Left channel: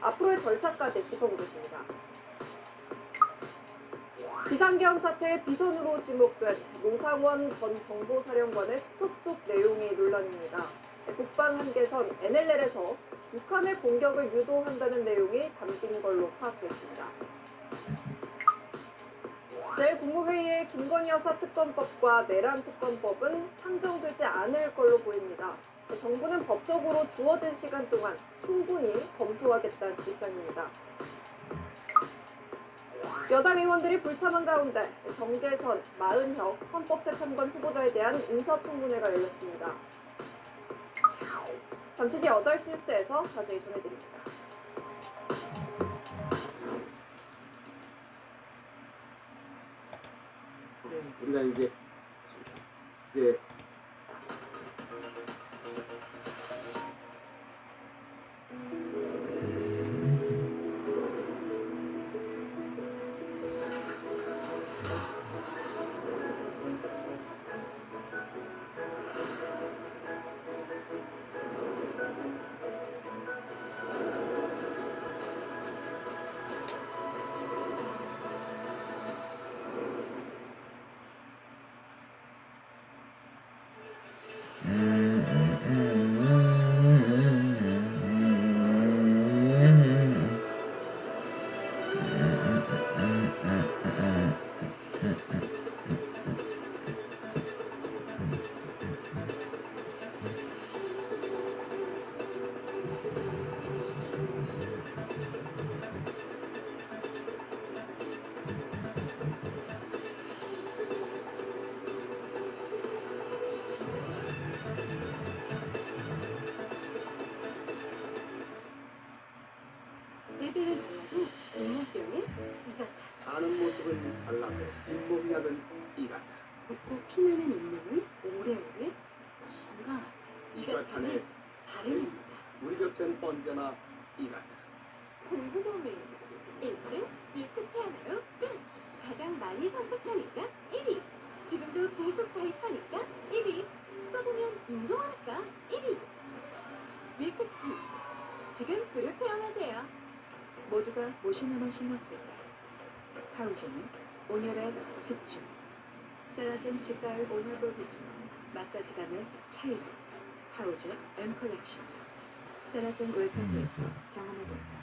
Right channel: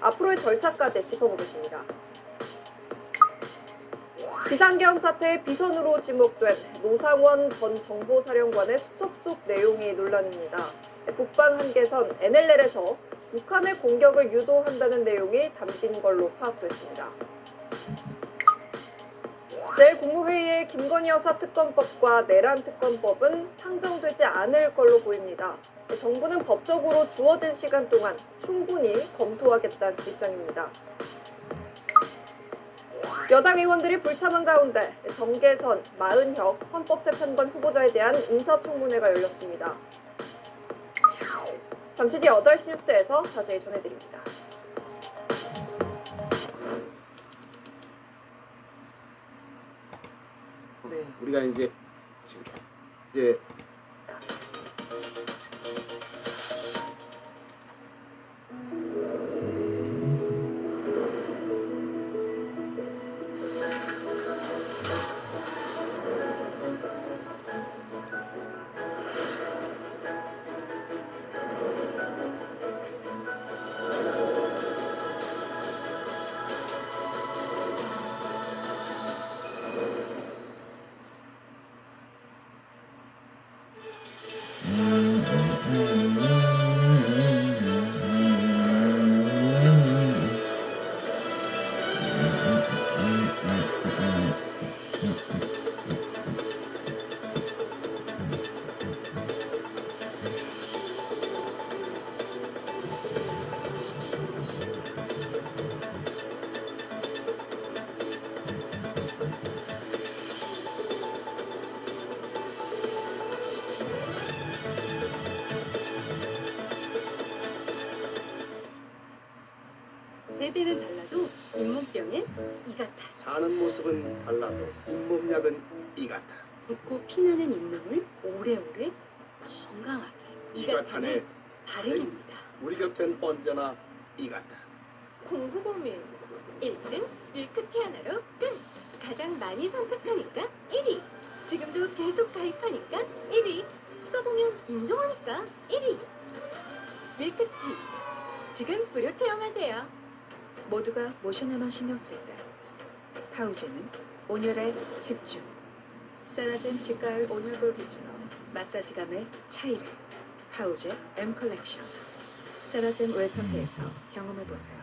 앞으로의 절차까지 짚어보겠습니다. 비상계엄 사태의 비선으로 지목된 노상원 전 정보사령관의 수첩 속 내용이 논란입니다. 북방 한계선 NLL에서 북한의 공격을 유도한다는 내용이 담긴 걸로 파악됐습니다. 내일 국무회의의 김건희 여사 특검법과 내란 특검법은 상정되지 않을 걸로 보입니다. 정부는 법적으로 주어진 시간 동안 충분히 검토하겠다는 입장입니다. 여당 의원들이 불참한 가운데 정계선, 마은혁 헌법재판관 후보자에 대한 인사청문회가 열렸습니다. 잠시 뒤 8시 뉴스에서 자세히 전해드립니다. 우리가 이제 세대는 달라도 잇몸병은 이 같아. 사는 모습은 달라도 잇몸약은 이 같아. 붓고 피나는 잇몸을 오래오래 건강하게 이 이 같아네. 같아는 바른입니다. 우리 곁엔 언제나 이 같아. 공부범위 1등 밀크티 하나로 끝. 가장 많이 선택하니까 1위. 지금도 계속 가입하니까 1위. 써보면 인정하니까 1위. 밀크티. 지금 무료 체험하세요. 모두가 모션에만 신경 쓸 때 파우제는 온열에 집중, 세라젠 직가을 온열볼 기술로 마사지감의 차이를 파우제 M 컬렉션 세라젠 웰컴데이에서 경험해보세요.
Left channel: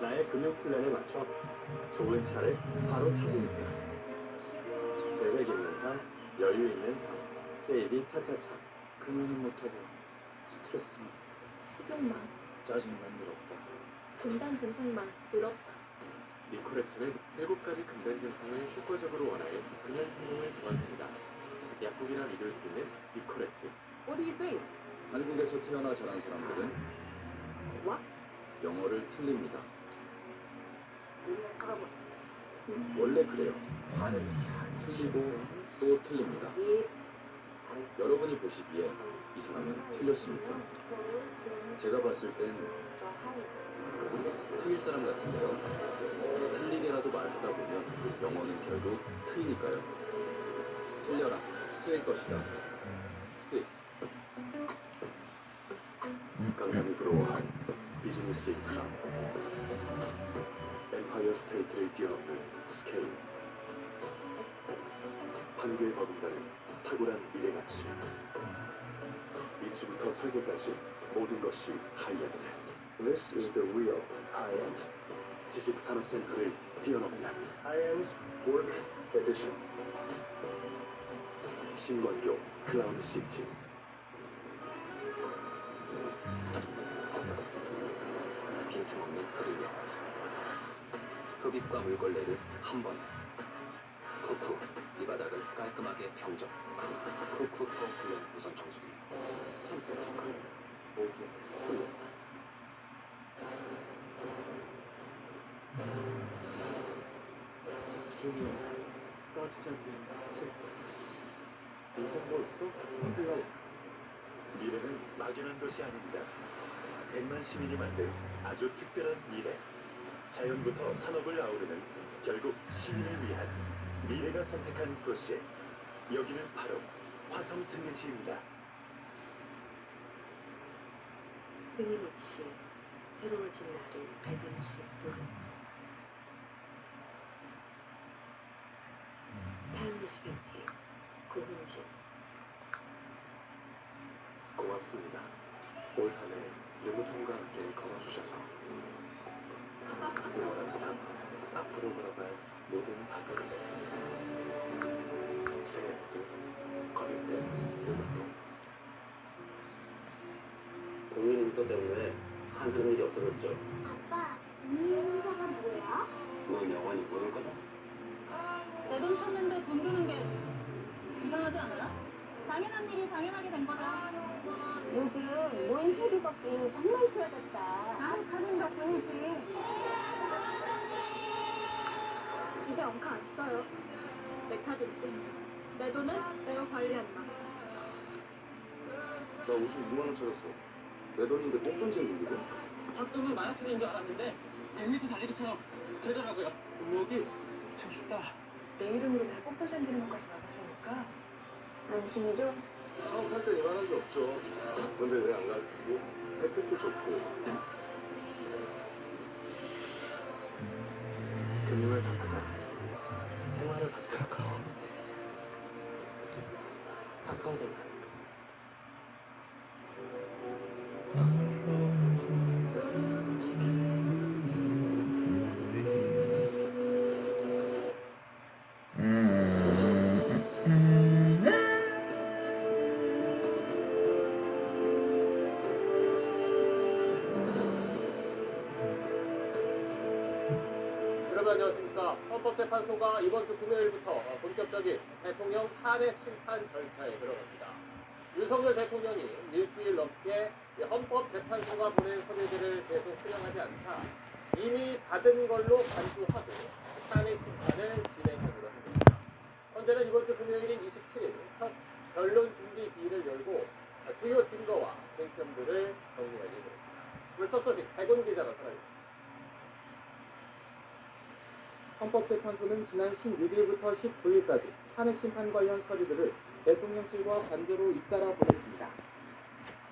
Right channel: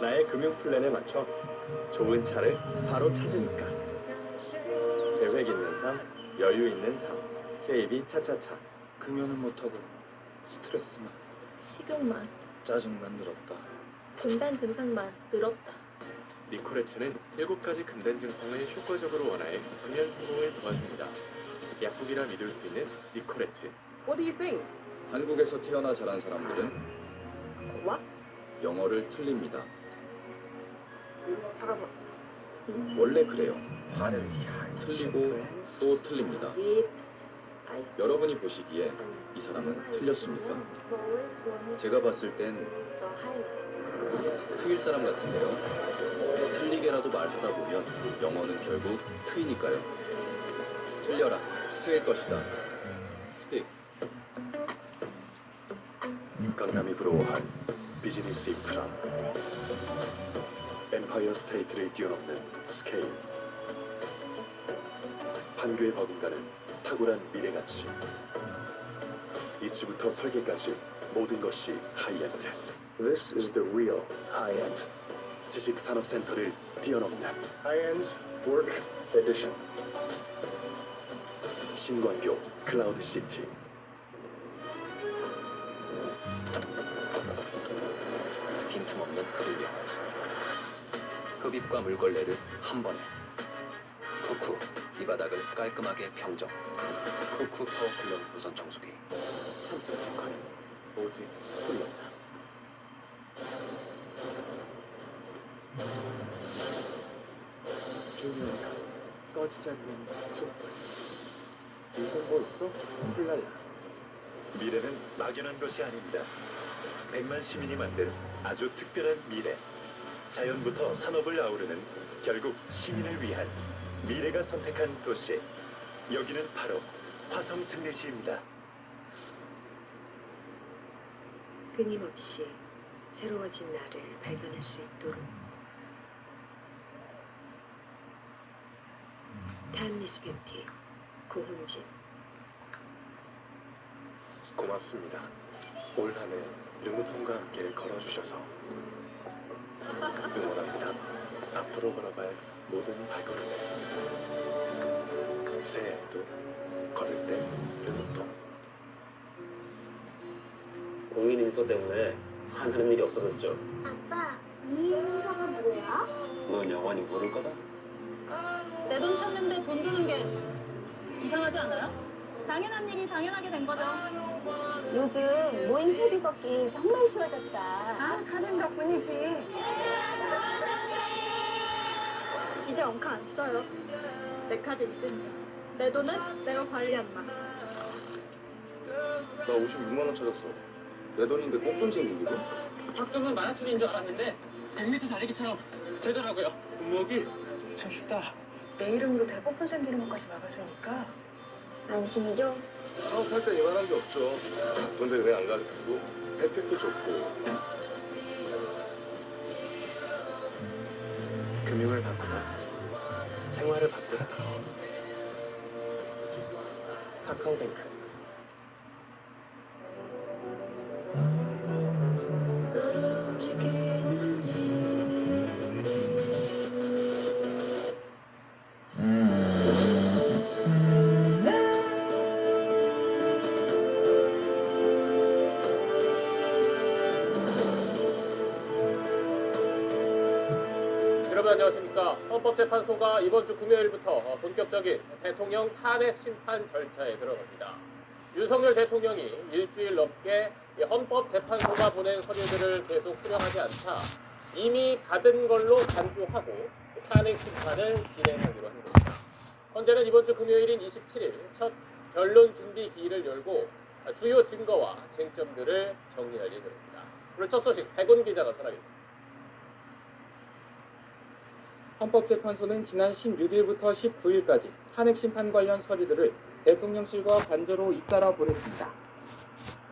나의 금융 플랜에 맞춰 좋은 차를 바로 찾으니까. 계획 있는 삶, 여유 있는 삶. KB 차차차. 금연은 못하고 스트레스만, 식욕만, 짜증만 늘었다. 금단 증상만 늘었다. 니코레트는 7가지 금단 증상을 효과적으로 완화해 금연 성공을 도와줍니다. 약국이라 믿을 수 있는 니코레트. What do you think? 한국에서 태어나 자란 사람들은 What? 영어를 틀립니다. 잠깐만. 원래 그래요. 틀리고 또 틀립니다. 여러분이 보시기에 이 사람은 틀렸습니까? 제가 봤을 땐 트일 사람 같은데요. 틀리게라도 말하다 보면 영어는 결국 트이니까요. 틀려라. 트일 것이다. 스픽. 강남이 부러워한 비즈니스 인프라. 엠파이어 스테이트를 뛰어넘는 스케일. 판교에 버금가는 탁월한 미래가치. 입주부터 설계까지 모든 것이 하이엔드. This is the real high-end. 지식산업센터를 뛰어넘는 High-end Work Edition. 신광교 클라우드 시티. 빈틈없는 흡입력. 흡입과 물걸레를 한 번에. 쿠쿠. 이 바닥을 깔끔하게 평정. 쿠쿠 파워클럽 무선 청소기. 삼성 직관. 오직 홀로. 주님, 꺼지지 않는 숲. 인생 뭐 있어? 훌랄라. 미래는 막연한 것이 아닙니다. 100만 시민이 만든 아주 특별한 미래. 자연부터 산업을 아우르는 결국 시민을 위한 미래가 선택한 도시. 여기는 바로 화성 특례시입니다. 끊임없이 새로워진 나를 발견할 수 있도록. 타임리스 뷰티 고훈진. 고맙습니다. 올 한 해 윤우통과 함께 걸어주셔서 응원합니다. 앞으로 걸어갈 모든 발걸음에 새해에도 걸을 때 윤우통. 공인 인서 때문에 하는 일이 없어졌죠. 아빠, 미인서가 뭐야? 그건 영원히 모를 거다. 내 돈 찾는데 돈 드는 게 이상하지 않아요? 당연한 일이 당연하게 된 거죠. 요즘 모임 회비 걷기 정말 쉬워졌다. 아, 가는 덕분이지. 이제 엉카 안 써요. 내 카드 있으니까. 내 돈은 내가 관리한다. 나 56만 원 찾았어. 내 돈인데 뽕돈 생긴 기분? 작정은 마라톤인 줄 알았는데 100m 달리기처럼 되더라고요. 운목이 참 쉽다. 내 이름으로 대법원 생기는 것까지 막아주니까 안심이죠? 사업할 때 이만한 게 없죠. 근데 왜 안 가르치고 혜택도 좋고. 금융을 바꾸면 생활을 바꾸라. 카카오뱅크. 여러분 안녕하십니까. 헌법재판소가 이번 주 금요일부터 본격적인 대통령 탄핵 심판 절차에 들어갑니다. 윤석열 대통령이 일주일 넘게 헌법재판소가 보낸 서류들을 계속 수령하지 않자 이미 받은 걸로 간주하고 탄핵 심판을 진행하기로 한 겁니다. 헌재는 이번 주 금요일인 27일 첫 변론 준비 기일을 열고 주요 증거와 쟁점들을 정리할 예정입니다. 오늘 첫 소식 백운 기자가 전하겠습니다. 헌법재판소는 지난 16일부터 19일까지 탄핵 심판 관련 서류들을 대통령실과 관저로 잇따라 보냈습니다.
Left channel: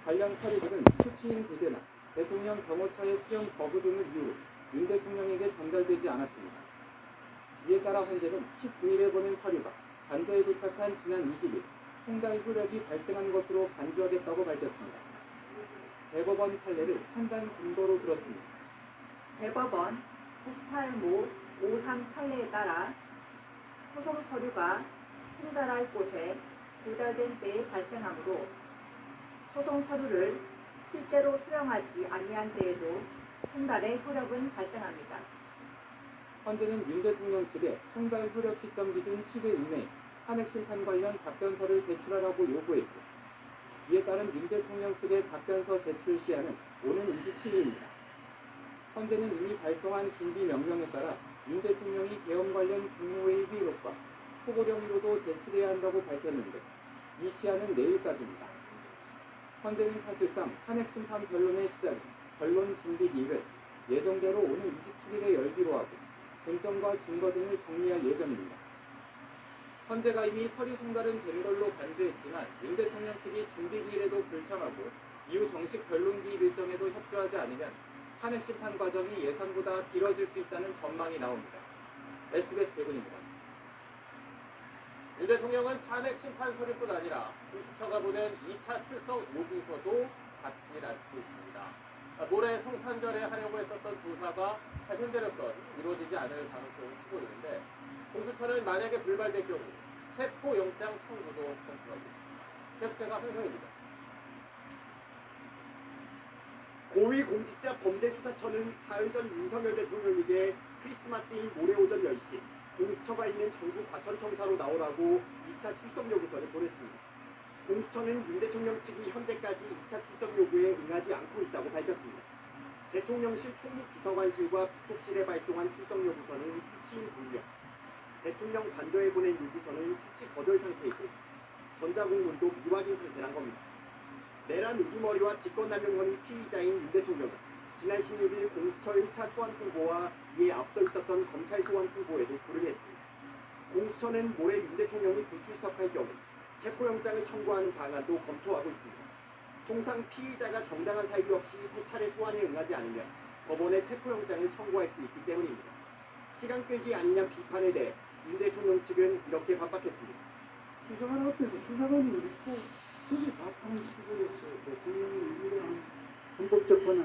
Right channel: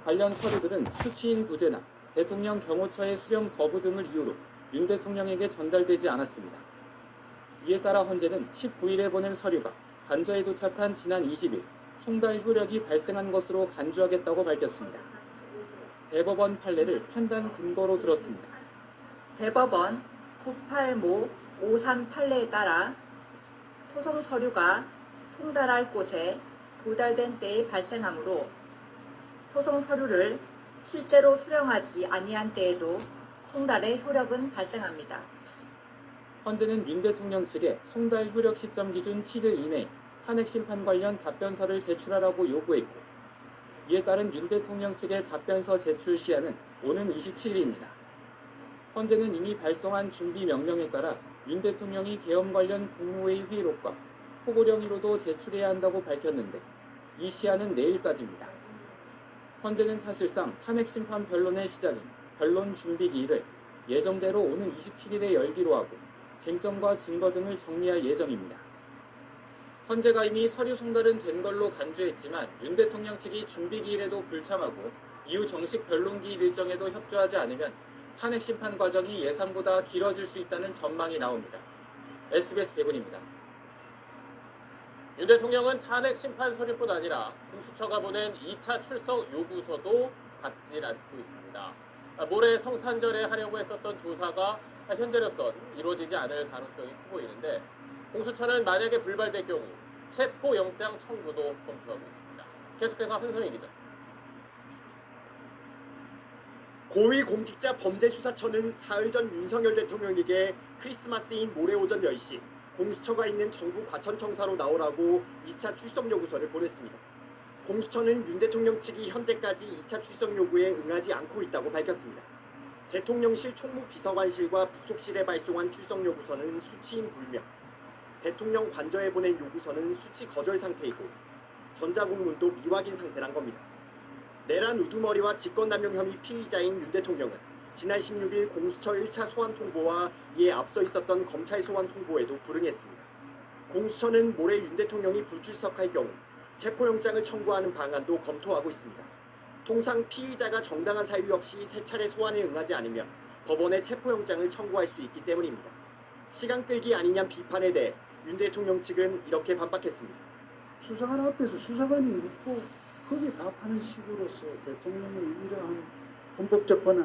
관련 서류들은 수치인 부재나 대통령 경호처의 수령 거부 등을 이유로 윤 대통령에게 전달되지 않았습니다. 이에 따라 헌재는 19일에 보낸 서류가 관저에 도착한 지난 20일 송달 효력이 발생한 것으로 간주하겠다고 밝혔습니다. 대법원 판례를 판단 근거로 들었습니다. 대법원 985 53 판례에 따라 소송 서류가 송달할 곳에 도달된 때에 발생하므로 소송 서류를 실제로 수령하지 아니한 때에도 송달의 효력은 발생합니다. 헌재는 윤 대통령 측에 송달 효력 시점 기준 7일 이내 탄핵 심판 관련 답변서를 제출하라고 요구했고, 이에 따른 윤 대통령 측의 답변서 제출 시한은 오는 27일입니다. 헌재는 이미 발송한 준비 명령에 따라 윤 대통령이 계엄 관련 국무회의 회의록과 포고령의로도 제출해야 한다고 밝혔는데 이 시한은 내일까지입니다. 헌재는 사실상 탄핵 심판 변론의 시작인 변론 준비 기일을 예정대로 오는 27일에 열기로 하고 쟁점과 증거 등을 정리할 예정입니다. 헌재가 이미 서류 송달은 된 걸로 간주했지만 윤 대통령 측이 준비 기일에도 불참하고 이후 정식 변론 기일 일정에도 협조하지 않으면 탄핵 심판 과정이 예상보다 길어질 수 있다는 전망이 나옵니다. SBS 백운입니다. 윤 대통령은 탄핵 심판 서류뿐 아니라 공수처가 보낸 2차 출석 요구서도 받질 않고 있습니다. 모레 성탄절에 하려고 했었던 조사가 현재로선 이루어지지 않을 가능성이 커 보이는데, 공수처는 만약에 불발될 경우 체포영장 청구도 검토하고 있습니다. 계속해서 한성희 기자. 고위공직자범죄수사처는 사흘 전 윤석열 대통령에게 크리스마스인 모레 오전 10시 공수처가 있는 정부 과천청사로 나오라고 2차 출석 요구서를 보냈습니다. 공수처는 윤 대통령 측이 현재까지 2차 출석 요구에 응하지 않고 있다고 밝혔습니다. 대통령실 총무비서관실과 부속실에 발송한 출석 요구서는 수치인 불명, 대통령 관저에 보낸 요구서는 수치 거절 상태이고 전자공문도 미확인 상태란 겁니다. 내란 우두머리와 직권남용 혐의 피의자인 윤 대통령은 지난 16일 공수처 1차 소환 통보와 이에 앞서 있었던 검찰 소환 통보에도 불응했습니다. 공수처는 모레 윤 대통령이 불출석할 경우 체포영장을 청구하는 방안도 검토하고 있습니다. 통상 피의자가 정당한 사유 없이 3차례 소환에 응하지 않으면 법원에 체포영장을 청구할 수 있기 때문입니다. 시간 끌기 아니냐 비판에 대해 윤 대통령 측은 이렇게 반박했습니다. 수사관 앞에서 수사관이 묻고 거기에 답하는 식으로서 대통령의 이러한 헌법재판관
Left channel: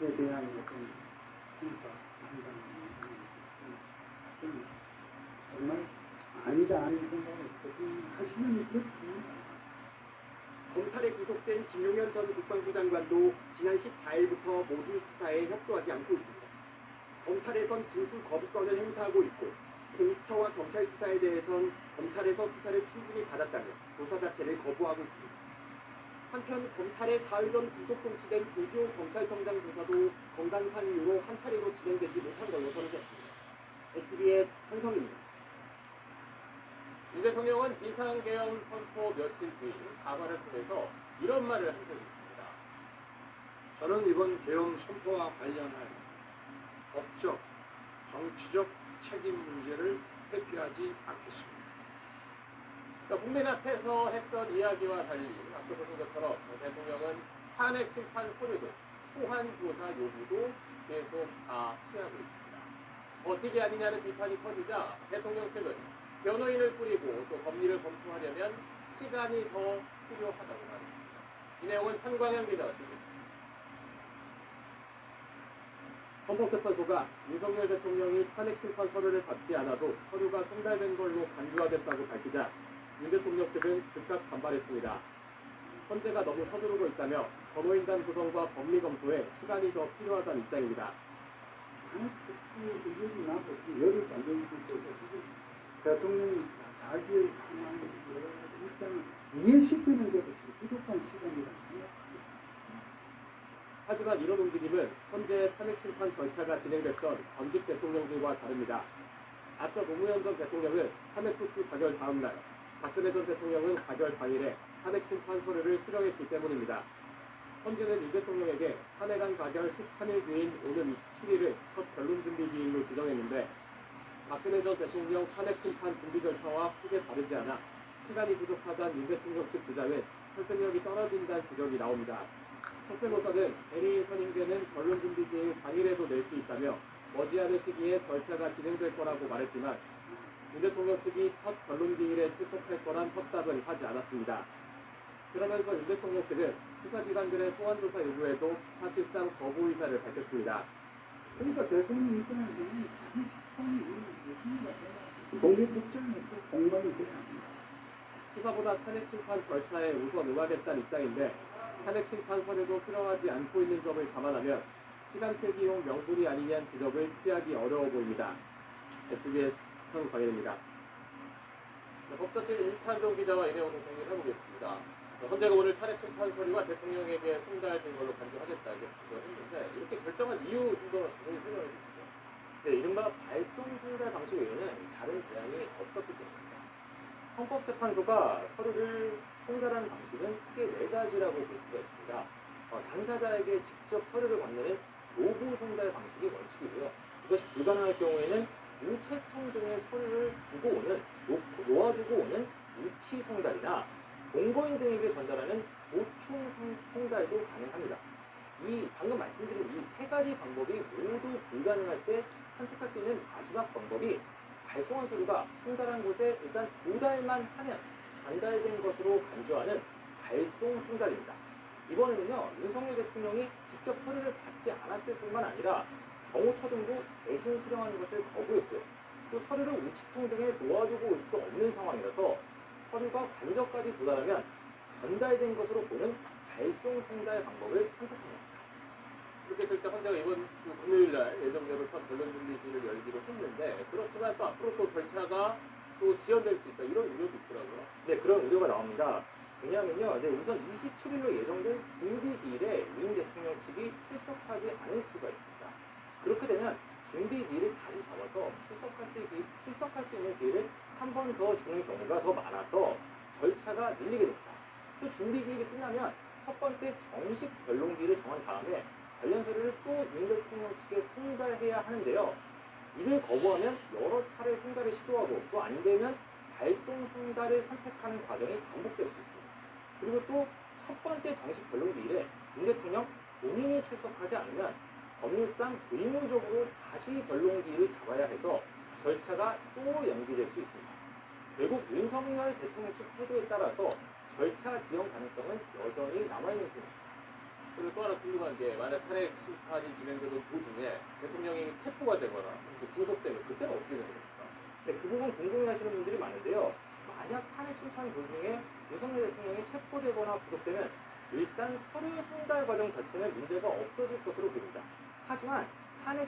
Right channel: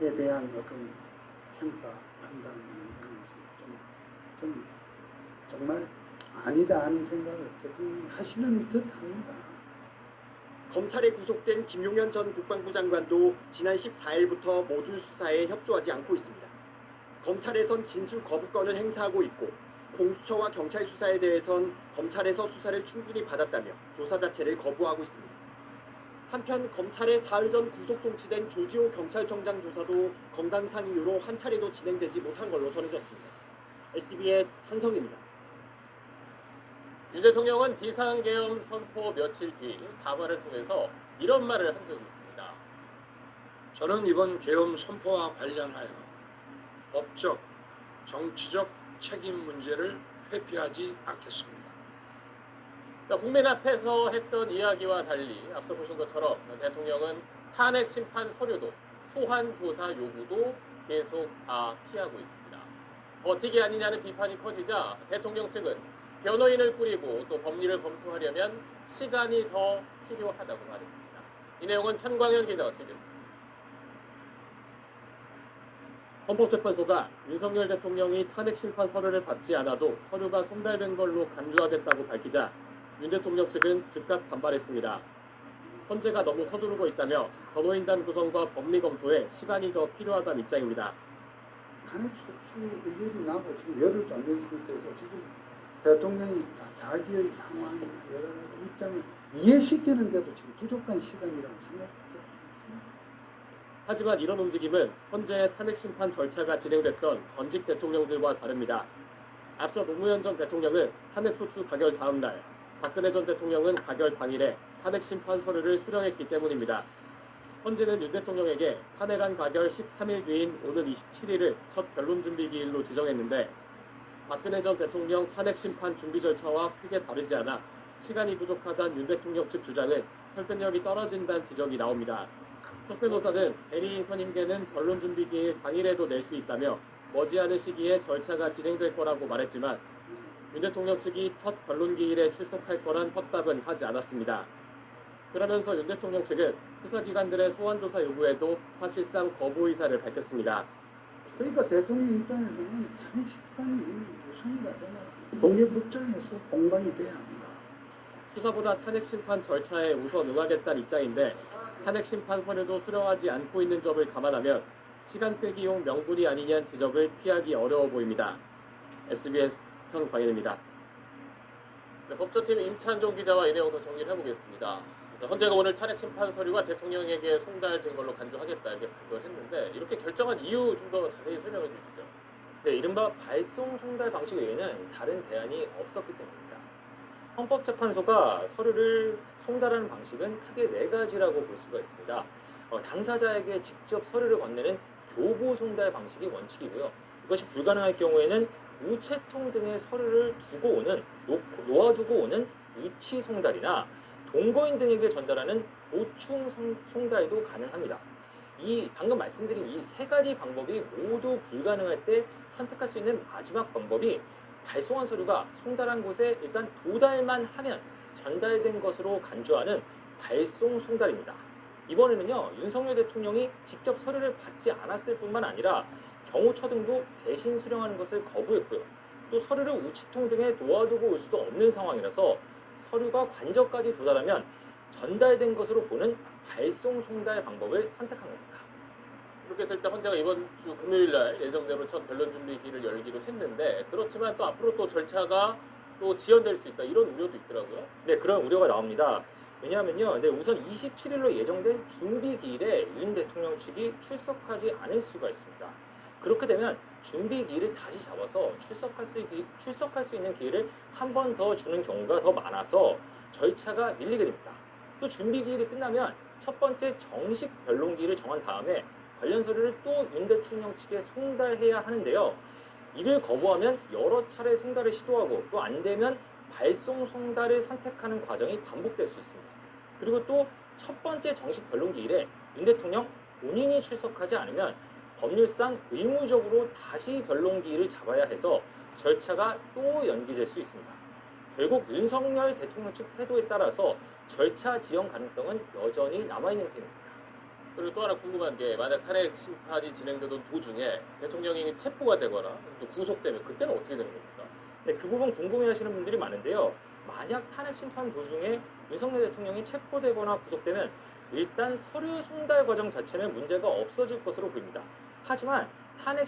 행사에 대한 어떤 평가, 판단이 좀 정말 아니다 하는 생각을 대통령이 하시는 듯합니다. 검찰에 구속된 김용현 전 국방부 장관도 지난 14일부터 모두 수사에 협조하지 않고 있습니다. 검찰에선 진술 거부권을 행사하고 있고 공수처와 경찰 수사에 대해선 검찰에서 수사를 충분히 받았다며 조사 자체를 거부하고 있습니다. 한편 검찰의 사흘 전 구속 송치된 조지호 경찰청장 조사도 건강상 이유로 한 차례도 진행되지 못한 걸로 전해졌습니다. SBS 한성입니다. 윤 대통령은 비상계엄 선포 며칠 뒤 담화를 통해서 이런 말을 한 적이 있습니다. 저는 이번 계엄 선포와 관련하여 법적, 정치적 책임 문제를 회피하지 않겠습니다. 국민 앞에서 했던 이야기와 달리 앞서 보신 것처럼 대통령은 탄핵 심판 서류도 소환 조사 요구도 계속 다 피하고 있습니다. 버티기 아니냐는 비판이 커지자 대통령 측은 변호인을 꾸리고 또 법리를 검토하려면 시간이 더 필요하다고 말했습니다. 이 내용은 현광현 기자가 취재했습니다. 헌법재판소가 윤석열 대통령이 탄핵 심판 서류를 받지 않아도 서류가 송달된 걸로 간주하겠다고 밝히자 윤 대통령 측은 즉각 반발했습니다. 헌재가 너무 서두르고 있다며 변호인단 구성과 법리 검토에 시간이 더 필요하다는 입장입니다. 탄핵 소추 의견이 나고 지금 열흘도 안 된 상태에서 지금 대통령이 자기의 상황, 여러 가지 입장을 이해시키는데도 지금 부족한 시간이라고 생각합니다. 하지만 이런 움직임은 현재 탄핵 심판 절차가 진행됐던 전직 대통령들과 다릅니다. 앞서 노무현 전 대통령은 탄핵 소추 가결 다음 날, 박근혜 전 대통령은 가결 당일에 탄핵 심판 서류를 수령했기 때문입니다. 현재는 윤 대통령에게 탄핵안 가결 13일 뒤인 오는 27일을 첫 변론 준비 기일로 지정했는데 박근혜 전 대통령 탄핵 심판 준비 절차와 크게 다르지 않아 시간이 부족하다는 윤 대통령 측 주장은 설득력이 떨어진다는 지적이 나옵니다. 석 변호사는 대리인 선임계는 변론 준비 기일 당일에도 낼 수 있다며 머지않은 시기에 절차가 진행될 거라고 말했지만 윤 대통령 측이 첫 변론 기일에 출석할 거란 확답은 하지 않았습니다. 그러면서 윤 대통령 측은 수사기관들의 소환조사 요구에도 사실상 거부 의사를 밝혔습니다. 그러니까 대통령 입장을 보면 탄핵 심판이 무슨이가 되냐. 공개 법정에서 공방이 돼야 합니다. 수사보다 탄핵 심판 절차에 우선 응하겠다는 입장인데 탄핵 심판 서류도 수령하지 않고 있는 점을 감안하면 시간 끌기용 명분이 아니냐는 지적을 피하기 어려워 보입니다. SBS 현광현입니다. 네, 법조팀 임찬종 기자와 이 내용을 정리를 해보겠습니다. 헌재가 오늘 탄핵 심판 서류가 대통령에게 송달된 걸로 간주하겠다 이렇게 발표를 했는데 이렇게 결정한 이유 좀 더 자세히 설명해 주시죠. 네, 이른바 발송 송달 방식 외에는 다른 대안이 없었기 때문입니다. 헌법재판소가 서류를 송달하는 방식은 크게 4가지라고 볼 수가 있습니다. 당사자에게 직접 서류를 건네는 교부 송달 방식이 원칙이고요. 이것이 불가능할 경우에는 우체통 등의 서류를 두고 오는 놓아두고 오는 우치 송달이나 동거인 등에게 전달하는 보충 송달도 가능합니다. 이 방금 말씀드린 이 3가지 방법이 모두 불가능할 때 선택할 수 있는 마지막 방법이 발송한 서류가 송달한 곳에 일단 도달만 하면 전달된 것으로 간주하는 발송 송달입니다. 이번에는요, 윤석열 대통령이 직접 서류를 받지 않았을 뿐만 아니라 경호처 등도 대신 수령하는 것을 거부했고요. 또 서류를 우체통 등에 놓아두고 올 수도 없는 상황이라서 서류가 관저까지 도달하면 전달된 것으로 보는 발송 송달 방법을 선택한 겁니다. 이렇게 했을 때 헌재가 이번 주 금요일 날 예정대로 첫 변론 준비 기일을 열기로 했는데 그렇지만 또 앞으로 또 절차가 또 지연될 수 있다 이런 우려도 있더라고요. 네, 그런 우려가 나옵니다. 왜냐하면요, 네, 우선 27일로 예정된 준비 기일에 윤 대통령 측이 출석하지 않을 수가 있습니다. 그렇게 되면 준비 기일을 다시 잡아서 출석할 수 있는 기회를 한 번 더 주는 경우가 더 많아서 절차가 밀리게 됩니다. 또 준비 기일이 끝나면 첫 번째 정식 변론 기일을 정한 다음에 관련 서류를 또 윤 대통령 측에 송달해야 하는데요. 이를 거부하면 여러 차례 송달을 시도하고 또 안 되면 발송 송달을 선택하는 과정이 반복될 수 있습니다. 그리고 또 첫 번째 정식 변론기일에 윤 대통령 본인이 출석하지 않으면 법률상 의무적으로 다시 변론기일을 잡아야 해서 절차가 또 연기될 수 있습니다. 결국 윤석열 대통령 측 태도에 따라서 절차 지연 가능성은 여전히 남아있는 셈입니다. 그리고 또 하나 궁금한 게 만약 탄핵 심판이 진행되던 도중에 대통령이 체포가 되거나 또 구속되면 그때는 어떻게 되는 겁니까? 네, 그 부분 궁금해하시는 분들이 많은데요. 만약 탄핵 심판 도중에 윤석열 대통령이 체포되거나 구속되면 일단 서류 송달 과정 자체는 문제가 없어질 것으로 보입니다. 하지만 탄핵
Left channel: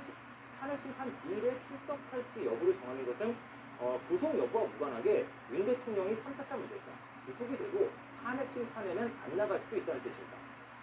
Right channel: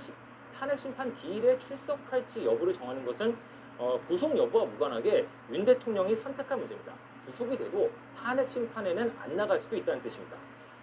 심판 기일에 출석할지 여부를 정하는 것은 구속 여부와 무관하게 윤 대통령이 선택할 문제입니다. 구속이 돼도 탄핵 심판에는 안 나갈 수도 있다는 뜻입니다.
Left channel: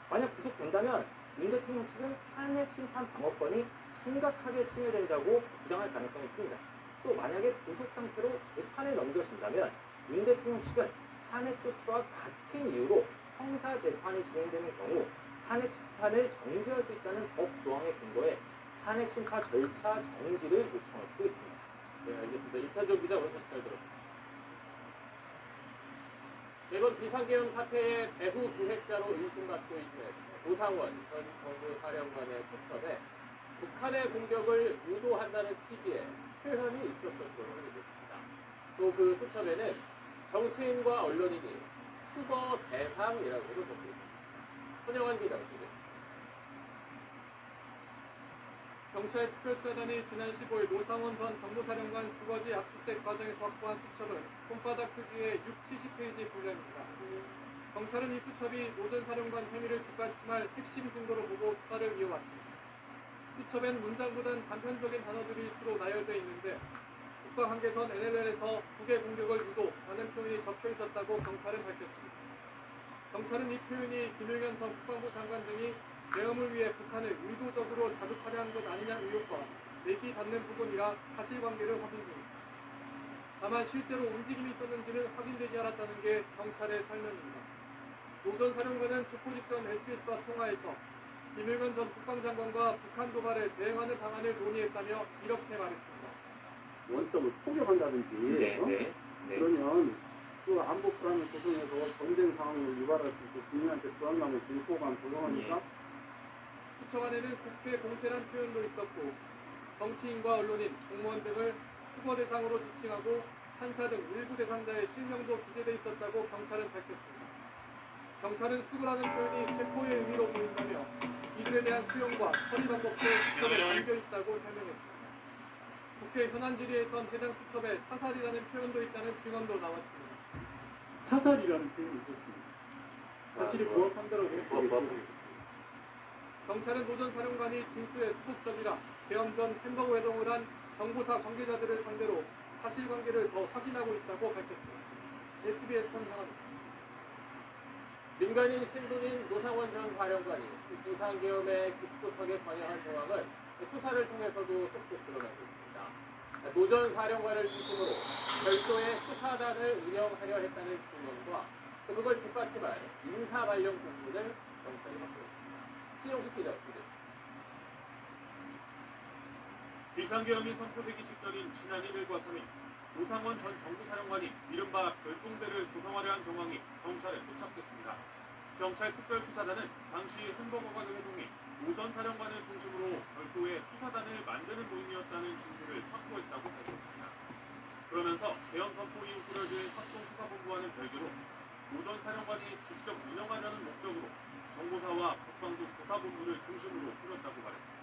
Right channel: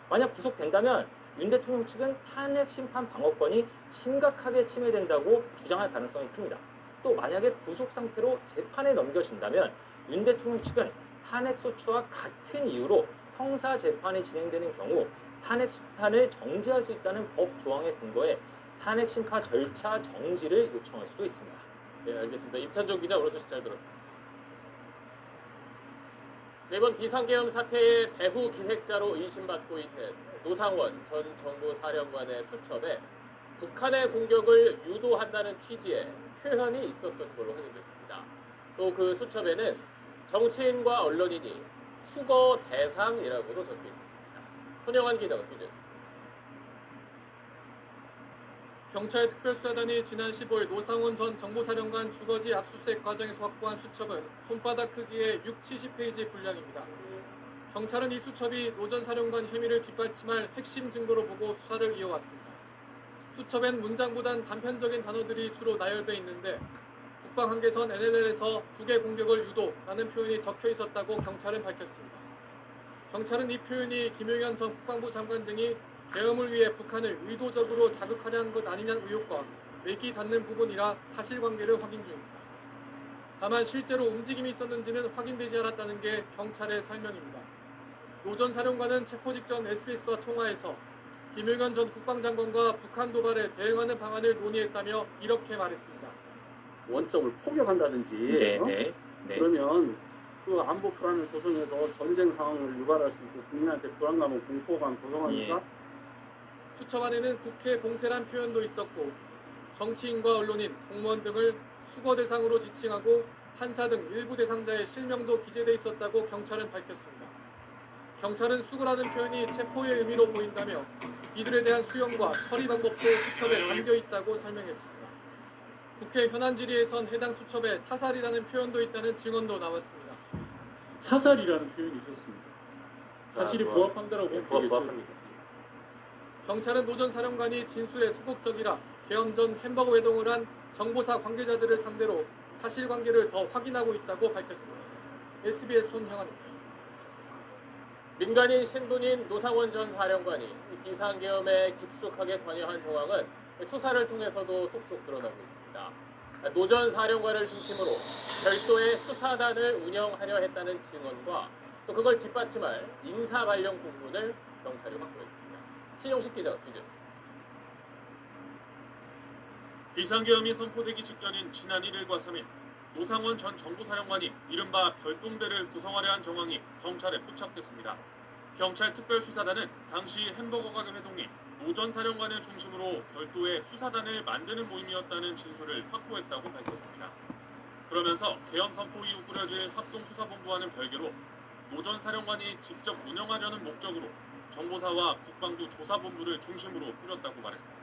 만약 구속된다면 윤 대통령 측은 탄핵 심판 방어권이 심각하게 침해된다고 주장할 가능성이 큽니다. 또 만약에 구속 상태로 재판에 넘겨진다면 윤 대통령 측은 탄핵 소추와 같은 이유로 형사 재판이 진행되는 경우 탄핵 심판을 정지할 수 있다는 법 조항에 근거해 탄핵 심판 절차 정지를 요청할 수도 있습니다. 네, 알겠습니다. 임찬종 기자 오늘 소식 잘 들었습니다. 이번 비상계엄 사태의 배후 기획자로 의심받고 있는 노상원 전 정보사령관의 수첩에 북한의 공격을 유도한다는 취지의 표현이 있었던 걸로 확인됐습니다. 또 그 수첩에는 정치인과 언론인이 수거 대상이라고도 적혀 있었습니다. 손영환 기자가 취재했습니다. 경찰 특별수사단이 지난 15일 노상원 전 정보사령관 주거지 압수수색 과정에서 확보한 수첩은 손바닥 크기의 70페이지 분량입니다. 경찰은 이 수첩이 노 전 사령관 혐의를 뒷받침할 핵심 증거로 보고 수사를 이어왔습니다. 수첩엔 문장보단 단편적인 단어들이 주로 나열돼 있는데 국방 한계선 NLL에서 북의 공격을 유도라는 표현이 적혀 있었다고 경찰은 밝혔습니다. 경찰은 이 표현이 김용현 전 국방부 장관 등이 계엄을 위해 북한을 의도적으로 자극하려는 것 아니냐는 의혹과 맥이 닿는 부분이라 사실관계를 확인 중입니다. 다만 실제로 움직임이 있었는지는 확인되지 않았다는 게 경찰의 설명입니다. 노 전 사령관은 체포 직전 SBS와 통화에서 김용현 전 국방장관과 북한 도발에 대응하는 방안을 논의했다며 이렇게 말했습니다. 원점을 포격한다든지 그러면 그 안보 불안을 조성해서 전쟁 상황을 유발할 수 있고 국민한테 불안감을 공포감 조성하니까 수첩 안에는 국회 공세란 표현도 있었고 정치인과 언론인, 공무원 등을 수거 대상으로 지칭하고 판사 등 일부 대상자의 실명도 기재돼 있었다고 경찰은 밝혔습니다. 경찰은 수거라는 표현이 체포의 의미로 보인다며 이들에 대한 수용과 처리 방법도 수첩에 담겨 있다고 설명했습니다. 국회 현안 질의에선 해당 수첩에 사살이라는 표현도 있다는 증언도 나왔습니다. 사살이라는 표현이 있었습니다. 사실이 부합한다라고 보겠죠. 경찰은 노 전 사령관이 진술에 소극적이라 계엄 전 햄버거 회동을 한 정보사 관계자들을 상대로 사실관계를 더 확인하고 있다고 밝혔습니다. SBS 손형환입니다. 민간인 신분인 노상원 전 사령관이 비상계엄에 깊숙하게 관여한 정황은 수사를 통해서도 속속 드러나고 있습니다. 노 전 사령관을 중심으로 별도의 수사단을 운영하려 했다는 증언과 또 그걸 뒷받침할 인사 관련 공문을 경찰이 확보했습니다. 신용식 기자가 취재했습니다. 비상계엄이 선포되기 직전인 지난 1일과 3일 노상원 전 정보사령관이 이른바 별동대를 구성하려 한 정황이 경찰에 포착됐습니다. 경찰 특별수사단은 당시 햄버거 가게 회동이 노 전 사령관을 중심으로 별도의 수사단을 만드는 모임이었다는 진술을 확보했다고 밝혔습니다. 그러면서 계엄 선포 이후 꾸려진 합동수사본부와는 별개로 노 전 사령관이 직접 운영하려는 목적으로 정보사와 국방부 조사본부를 중심으로 꾸렸다고 말했습니다.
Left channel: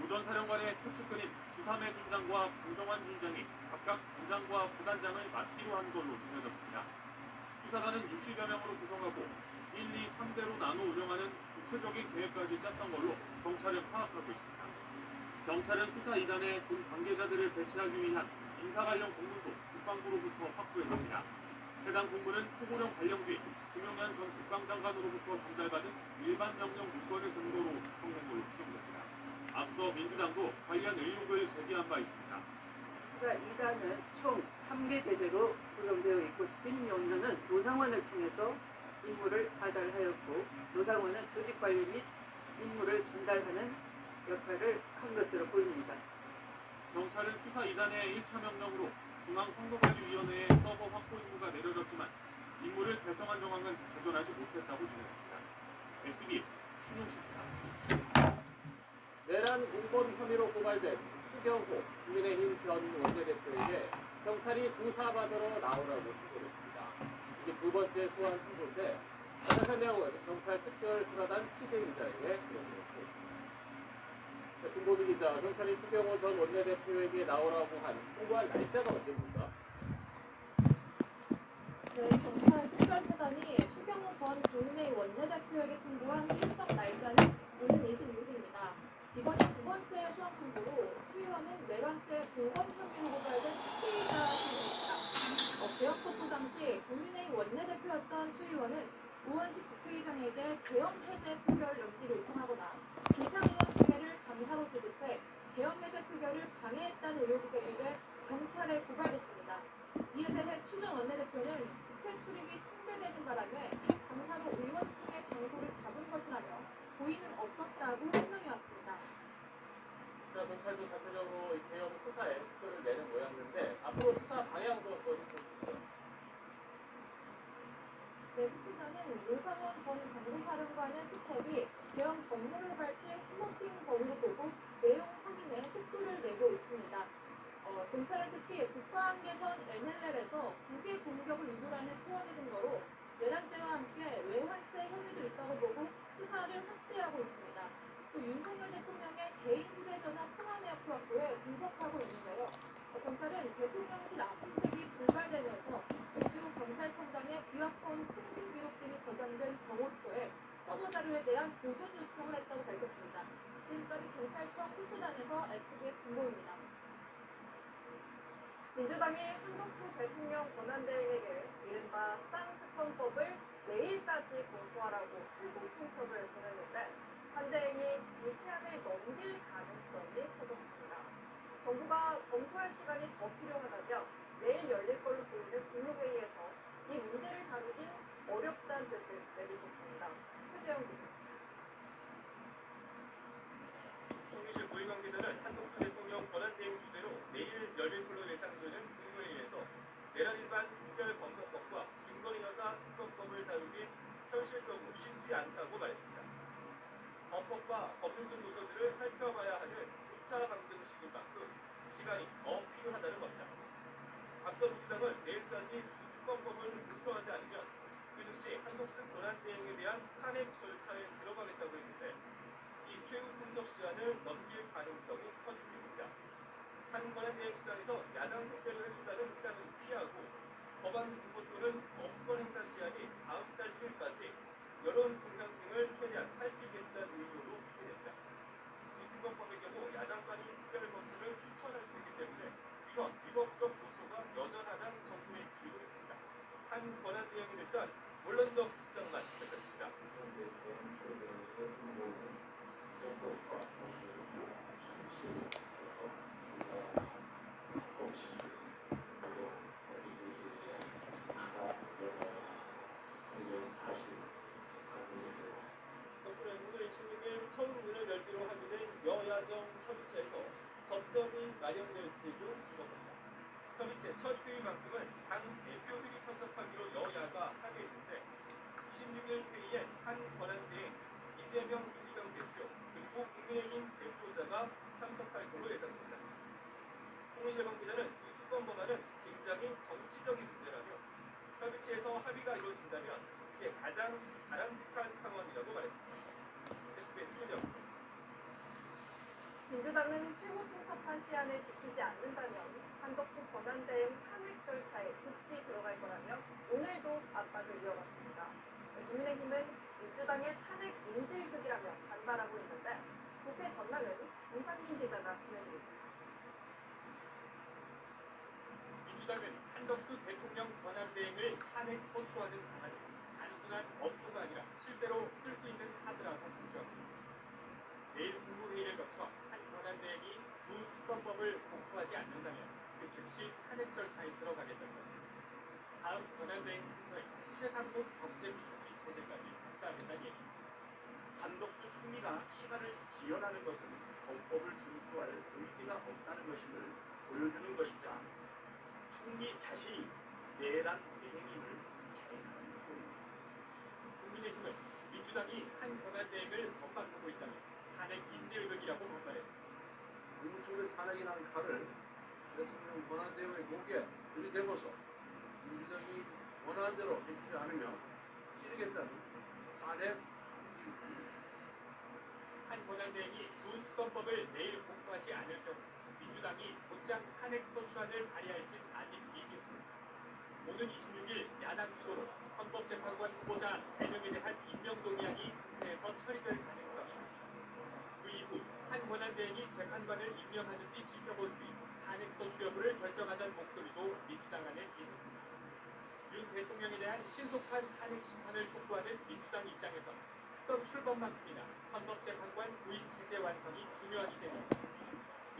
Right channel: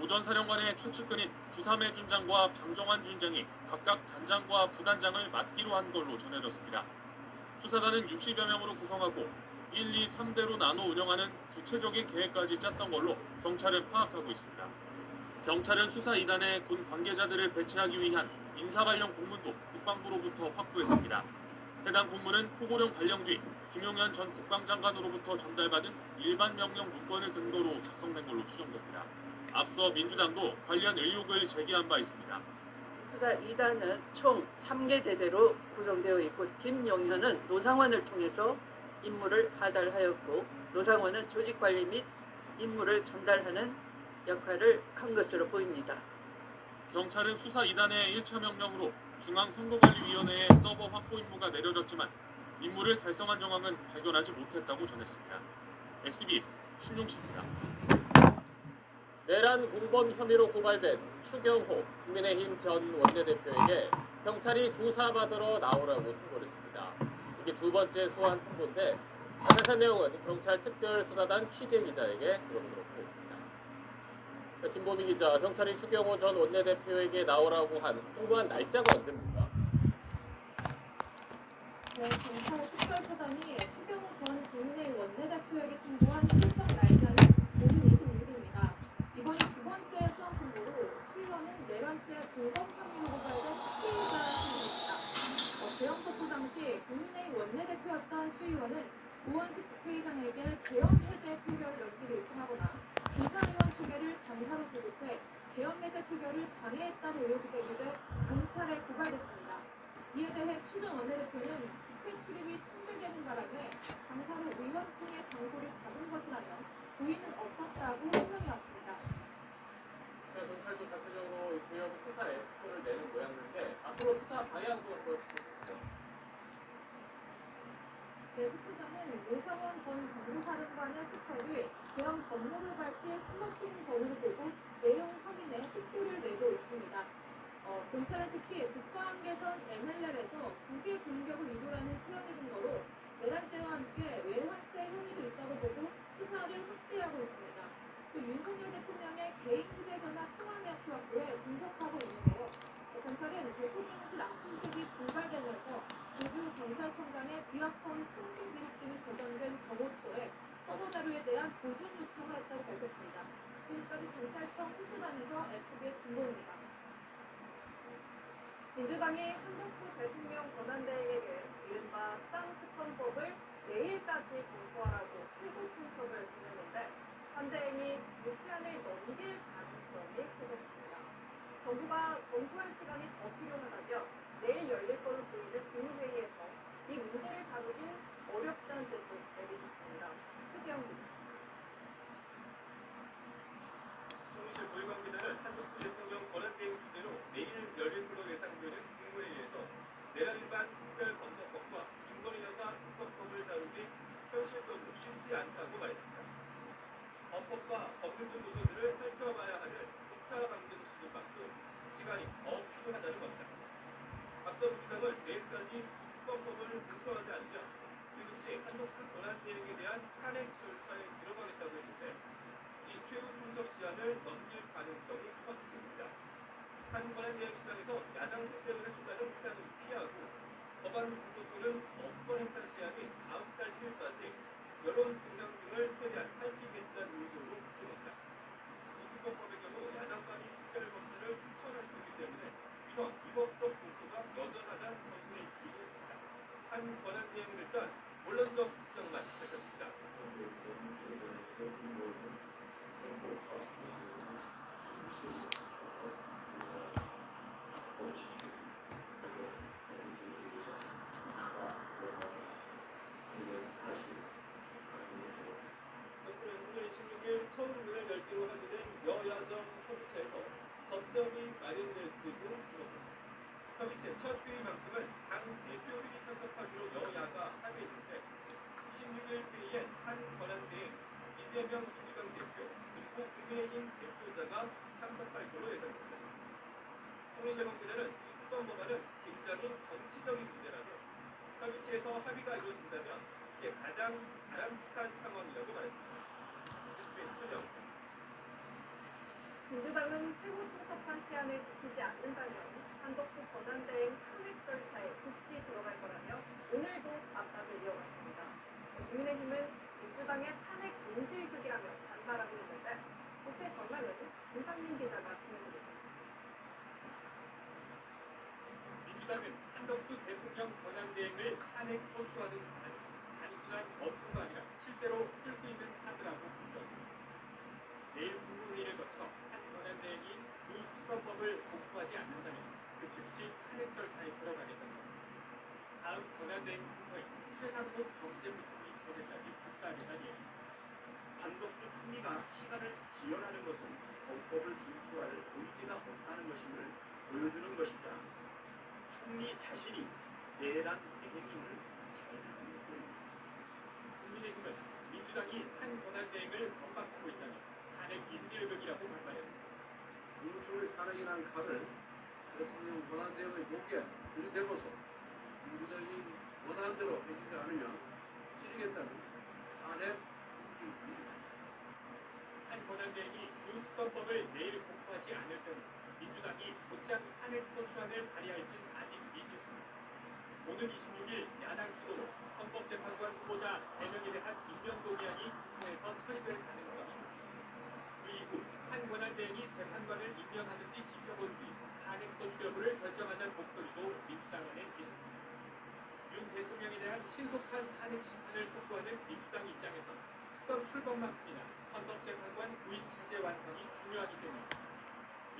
노 전 사령관의 최측근인 구삼해 준장과 방정환 준장이 각각 단장과 부단장을 맡기로 한 걸로 전해졌습니다. 수사단은 60여 명으로 구성하고 1, 2, 3대로 나눠 운영하는 구체적인 계획까지 짰던 걸로 경찰은 파악하고 있습니다. 경찰은 수사 2단에 군 관계자들을 배치하기 위한 인사 관련 공문도 국방부로부터 확보했습니다. 해당 공문은 포고령 발령 뒤 김용현 전 국방장관으로부터 전달받은 일반 명령 문건을 근거로 작성된 걸로 추정됩니다. 앞서 민주당도 관련 의혹을 제기한 바 있습니다. 수사 2단은 총 3개 대대로 구성되어 있고 김용현은 노상원을 통해서 임무를 하달하였고 노상원은 조직관리 및 임무를 전달하는 역할을 한 것으로 보입니다. 경찰은 수사 2단의 1차 명령으로 중앙선거관리위원회의 서버 확보 임무가 내려졌지만 임무를 달성한 정황은 발견하지 못했다고 전했습니다. SBS 신용식입니다. 내란 공범 혐의로 고발된 추경호 국민의힘 전 원내대표에게 경찰이 조사받으러 나오라고 통보를 했습니다. 이게 두 번째 소환 통보인데 자세한 내용은 경찰 특별수사단 취재 기자에게 물어보도록 하겠습니다. 김보미 기자, 경찰이 추경호 전 원내대표에게 나오라고 한 통보한 날짜가 언제입니까? 네, 경찰 특별수사단이 추경호 전 국민의힘 원내대표에게 통보한 출석 날짜는 오는 26일입니다. 이번이 두 번째 수원 통보로 수의원은 네 번째 공범 혐의로 고발된 피의자 신분입니다. 계엄 당시 국민의힘 원내대표였던 수의원은 우원식 국회의장에게 계엄 해제 표결 연기를 요청하거나 김상원 측에를 감사로 소집해 계엄 해제 표결을 방해했다는 의혹이 제기돼 경찰에 고발됐습니다. 이에 대해 추 전 원내대표는 국회 출입이 통제되는 바람에 감사로 의원총회 장소를 잡은 것이라며 고의는 없었다고 설명해왔습니다. 경찰도 자체적으로 이 계엄 수사에 속도를 내는 모양인데 앞으로 수사 방향도 보여주시죠. 네, 후보자는 노상원 전 정보사령관의 수첩이 계엄 전모를 밝힐 스모킹 건으로 보고 내용 확인에 속도를 내고 있습니다. 경찰은 특히 국방개선 NLL에서 국외 공격을 유도라는 표현의 근거로 내란죄와 함께 외환죄 혐의도 있다고 보고 수사를 확대하고 있습니다. 또 윤석열 대통령의 개인 휴대전화 통화 내역 확보에 분석하고 있는데요. 경찰은 대통령실 압수수색이 고발되면서 조규 경찰청장의 비화폰 통신 기록 등이 저장된 정호초에 서버 자료에 대한 보존 요청을 했다고 밝혔습니다. 지금까지 경찰청 수수단에서 SBS 김보입니다. 민주당이 한덕수 대통령 권한대행에게 이른바 쌍특검법을 내일까지 검토하라고 최고 통첩을 보냈는데 한 대행이 그 시한을 넘길 가능성이 커졌습니다. 정부가 검토할 시간이 더 필요하다며 내일 열릴 걸로 보이는 국무회의에서 이 문제를 다루긴 어렵다는 뜻을 내비쳤습니다. 최재형 기자. 통일실 고위 관계자는 한덕수 대통령 권한대행 주제로 내일 열릴 걸로 예상되는 국무회의에서 내란 위반 특별검사법과 김건희 여사 특검법을 다루기 현실적으로 쉽지 않다고 말했습니다. 헌법과 법률 등 요소들을 살펴봐야 하는 2차 강제 소식인 만큼 시간이 더 필요하다는 겁니다. 앞서 민주당은 내일까지 특검법을 검토하지 않으면 그 즉시 한덕수 권한대행에 대한 탄핵 절차에 들어가겠다고 했는데 이 최후 통첩 시한을 넘길 가능성이 커집니다. 한 권한대행 입장에서 야당 택배를 해준다는 입장은 피하고 법안 공고 또는 법권 행사 시한이 다음 달 1일까지 여론 공감 등을 최대한 살피겠다는 의도로 표현했다. 이 특검법의 경우 야당 간이 특별 검수를 추천할 수 있기 때문에 이런 위법적 요소가 여전하다는 점수에 기인했습니다. 한 권한대행은 일단 원론적 입장만 밝혔습니다. 정부는 오늘 26일 처음 문을 열기로 하게 된 여야정 협의체에서 접점이 마련될지도 주목합니다. 협의체 첫 회의만큼은 당 대표들이 참석하기로 여야가 합의했는데 26일 회의엔 한 권한대행, 이재명 민주당 대표, 그리고 국민의힘 대표자가 참석할 것으로 예상됩니다. 통일실 관계자는 이 특검법안은 굉장히 정치적인 문제라며 협의체에서 합의가 이루어진다면 이게 가장 바람직한 상황이라고 말했습니다. SBS 최재형입니다. 민주당은 최고 통첩한 시한을 지키지 않는다면 한덕수 권한대행 탄핵 절차에 즉시 들어갈 거라며 오늘도 압박을 이어갔습니다. 국민의힘은 민주당의 탄핵 인질극이라며 반발하고 있는데 국회 전망은 김상민 기자가 진행됩니다. 민주당은 한덕수 대통령 권한대행을 탄핵 소추하는 방안이 단순한 검토가 아니라 실제로 쓸 수 있는 카드라고 주장합니다. 내일 국무회의를 거쳐 한 권한대행이 두 특검법을 공포하지 않는다면 그 즉시 탄핵 절차에 들어가겠다는 겁니다. 다음 권한대행 순서에 최상목 경제부총리 체제까지 발사하겠다는 얘기입니다. 한덕수 총리가 시간을 지연하는 것은 헌법을 준수할 의지가 없다는 것임을 보여주는 것이자 총리 자신이 내란 대행임을 잘 탄핵이라는 칼을 대통령 권한대행의 목에 들이대고서 민주당이 원하는 대로 해주지 않으면 찌르겠다는 탄핵 움직임입니다. 한 권한대행이 두 특검법을 내일 공포하지 않을 경우 민주당이 곧장 탄핵 소추안을 발의할진 아직 미지수입니다. 오는 26일 야당 주도로 헌법재판관 후보자 3명에 대한 임명 동의안이 국회에서 처리될 가능성이 있습니다. 그 이후 한 권한대행이 재판관을 임명하는지 지켜본 뒤 탄핵 소추 여부를 결정하자는 목소리도 민주당 안에 있습니다. 윤 대통령에 대한 신속한 탄핵 심판을 촉구하는 민주당 입장에서 특검 출범만큼이나 헌법재판관 구인 체제 완성이 중요하기 때문입니다.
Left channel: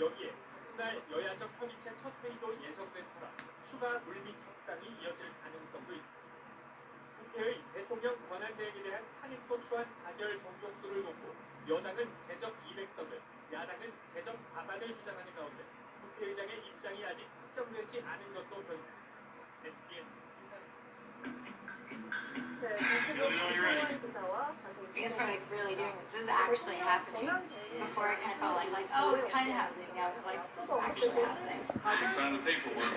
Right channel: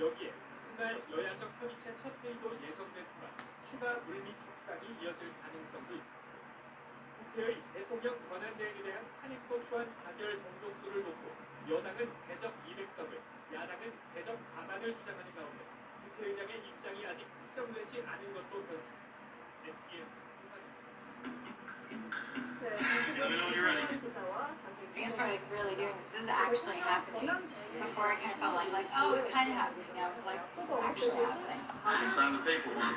여기에 그날 여야적 협의체 첫 회의도 예정된 터라 추가 물밑 협상이 이어질 가능성도 있습니다. 국회의 대통령 권한대행에 대한 탄핵소추안 가결 정족수를 놓고 여당은 제적 200석을, 야당은 제적 과반을 주장하는 가운데 국회의장의 입장이 아직 확정되지 않은 것도 변수입니다. SBS 네, 정치부 기자와 자세히 I guess we're like really doing this. This is actually happening. Before it kind of felt like oh, it's kind of happening. Now it's like actually happening. Sign the paperwork.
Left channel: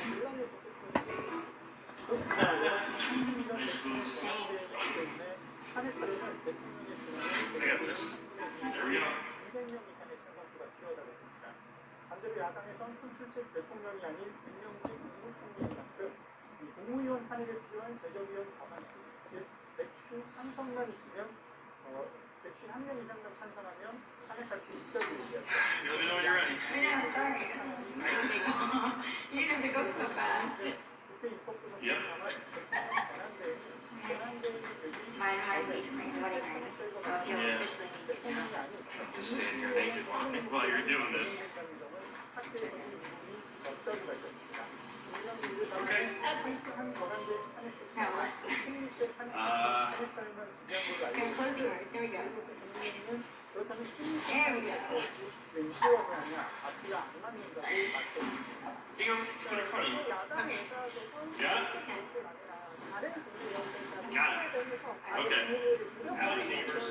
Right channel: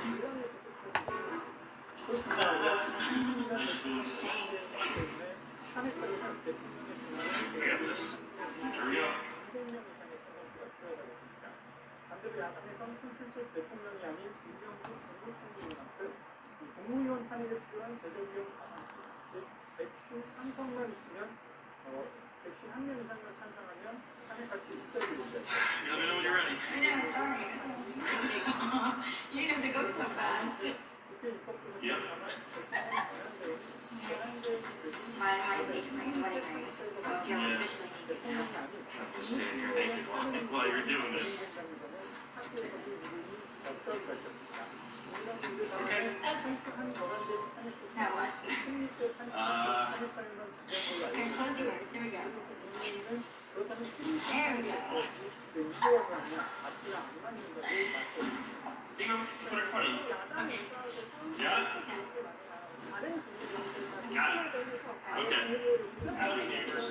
I got this. There we go. 반대로 야당에선 손출책 대통령이 아닌 김명지 국무총리인 만큼 이 국무위원 탄핵에 필요한 재정위원 과반수, 즉 151성만 있으면 151명 이상만 찬성하면 탄핵할 수 있다고 얘기하죠. Let me know when you're ready. I know, sorry. You didn't have to go so fast. 국회 입법부는 Yep. My wedding rings. So if you'll officially need to know. I'm just staying here naked while you're doing this. Okay. Now what? Okay, close yours. Here we go. There we go. Hang on, put it in front of you. Got it? Got it. Okay. Howdy, neighbors.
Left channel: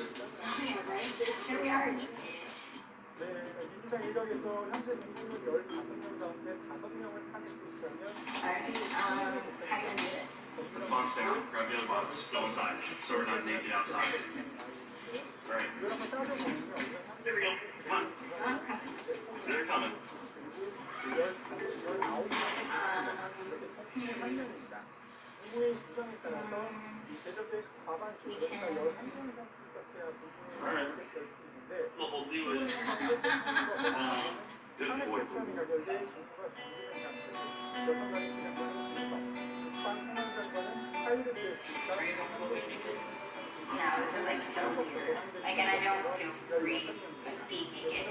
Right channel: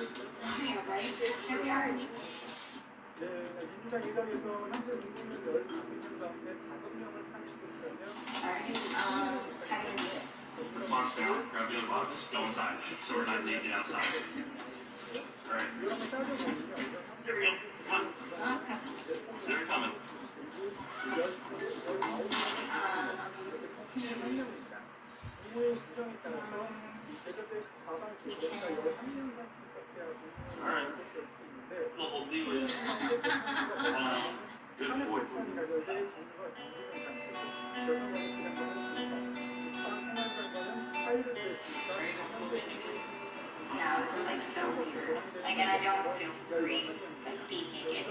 Here we are. 네, 민주당 일각에서 현재 민주는 15명 가운데 5명을 탄핵 소추하면 How do you do this? Box down. Grab the other box. Go inside. So we're not naked outside. All right. There we go. Come on. Okay. They're coming. 국무회의 수정에 따라서 제적의 과반수, 그러니까 11명 정도 있어야 국무회의가 될수 있는데 What we'll do is, good boy. 탄핵 가결돼 정부가 정부를 잡고 여성관이 진행하는 분석, 국방 행안장관은 파일을 낼수 있다. No, this is like so weird. Like, and I don't feel free like being naked.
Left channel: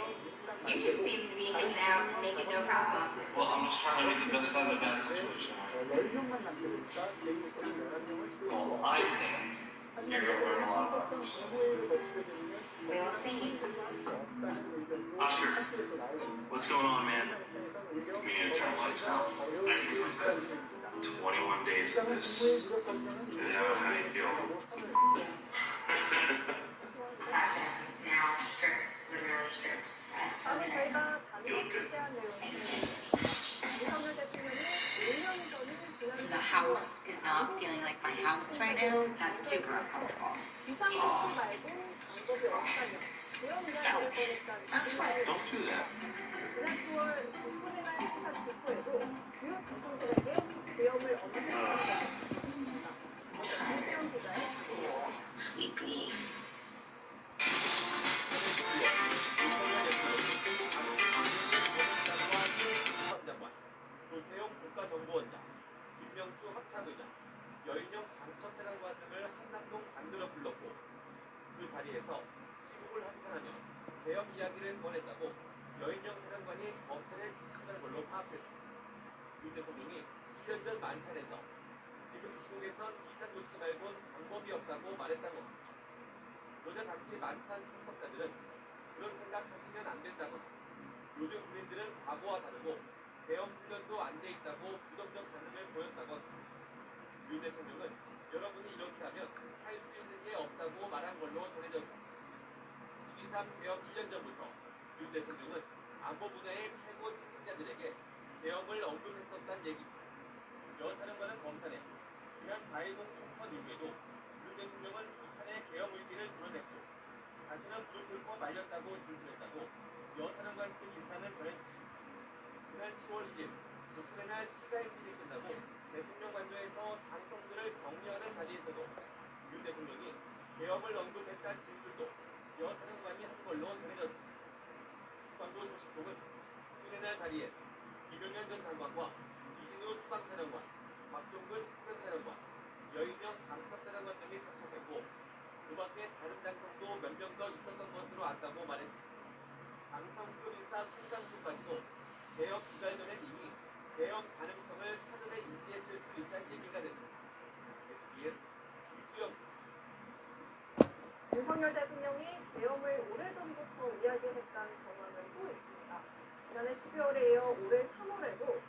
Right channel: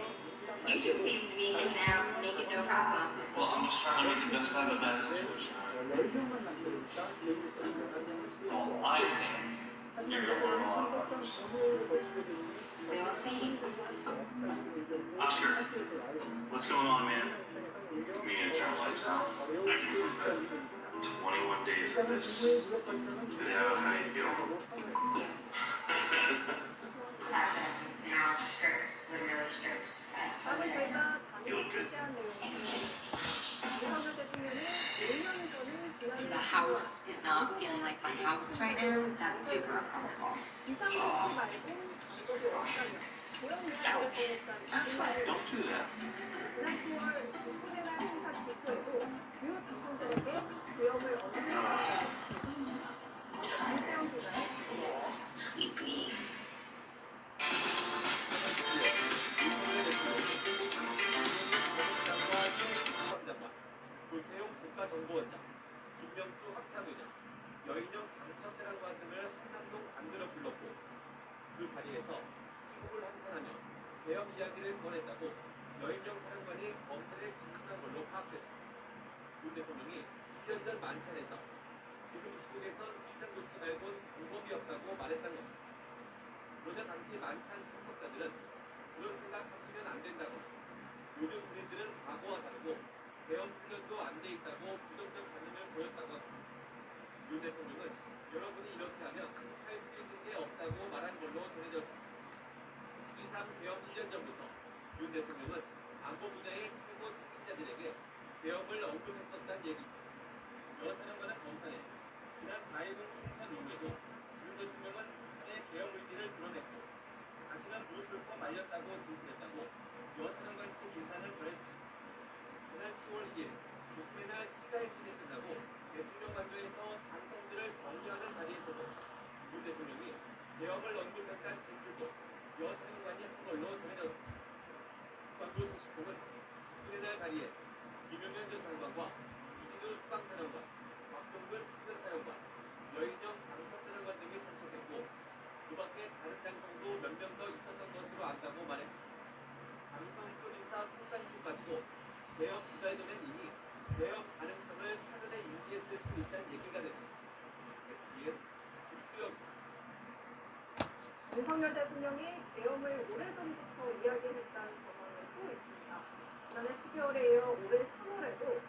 You just seem to be hanging out naked, no problem. Well, I'm just trying to make the best out of a bad situation. Well, I think you're going to learn a lot about this. We will see. Oscar, what's going on, man? Me and turn lights out. Thank you for good. 21 days of this. How do you feel? Now strict, literally strict. 다음은 저희가 You look good. 담임에 대한 내용입니다. 윤석열 대통령이 1년 전인 지난 The house is not feeling like my house right now. That's super uncomfortable. 비상급수 말고 방법이 없다며 계엄령을 꺼냈다는 Don't do that. 지난 9월 국군의날 행사 기초에도 주요 직통들에게 계엄을 언급했습니다. 김태형 기자의 Sleepy. 조태용 국가정보원장, 김명수 합참의장, 여인영 방첩사령관 등을 한남동 관들어 불렀고 그 자리에서 시국을 한탄하며 계엄 이야기를 꺼냈다고 여인영 사령관이 검찰에 지시한 걸로 파악됐습니다. 윤 대통령이 1년 전 만찬에서 지금 시국에선 이상 놓지 말곤 방법이 없다고 말했다는 겁니다. 그러자 당시 만찬 참석자들은 그런 생각하시면 안 된다거나 요즘 국민들은 과거와 다르고 계엄 훈련도 안 돼 있다고 부정적 반응을 보였다고 합니다. 윤 대통령은 여러분이 이렇게 하면 할 수 있는 게 없다고 말한 걸로 전해졌습니다. 12.3 계엄 1년 전부터 윤 대통령은 안보 분야의 최고 책임자 피해자들에게 계엄을 언급했었다는 얘기. 여 사령관은 검찰에 지난 4일건 총선 이후에도 윤 대통령은 북한의 계엄 의지를 드러냈고 당신은 무릎 꿇고 말렸다고 진술했다고 여 사령관 측 인사는 전했습니다. 지난 10월 2일 우크라이나 시가 해직이 끝나고 대통령 관저에서 장성들을 격려하는 자리에서도 윤 대통령이 계엄을 언급했다는 진술도 여 사령관이 한 걸로 전해졌습니다. 국방부 소식통은 이날 자리에 김용현 전 장관과 이진우 수방사령관, 박동근 특별사령관, 여인영 방첩사령관 등이 참석했고 그 밖에 다른 장성도 몇 명 더 있었던 것으로 안다고 말했습니다. 장성급 인사 상당수까지도 계엄 2달 전엔 이미 계엄 가능성을 사전에 인지했을 수 있다는 얘기가 됩니다. SBS 김수영 윤석열 대통령이 계엄을 오래전부터 이야기했다는 전망은 또 있습니다. 지난해 12월에 이어 올해 3월에도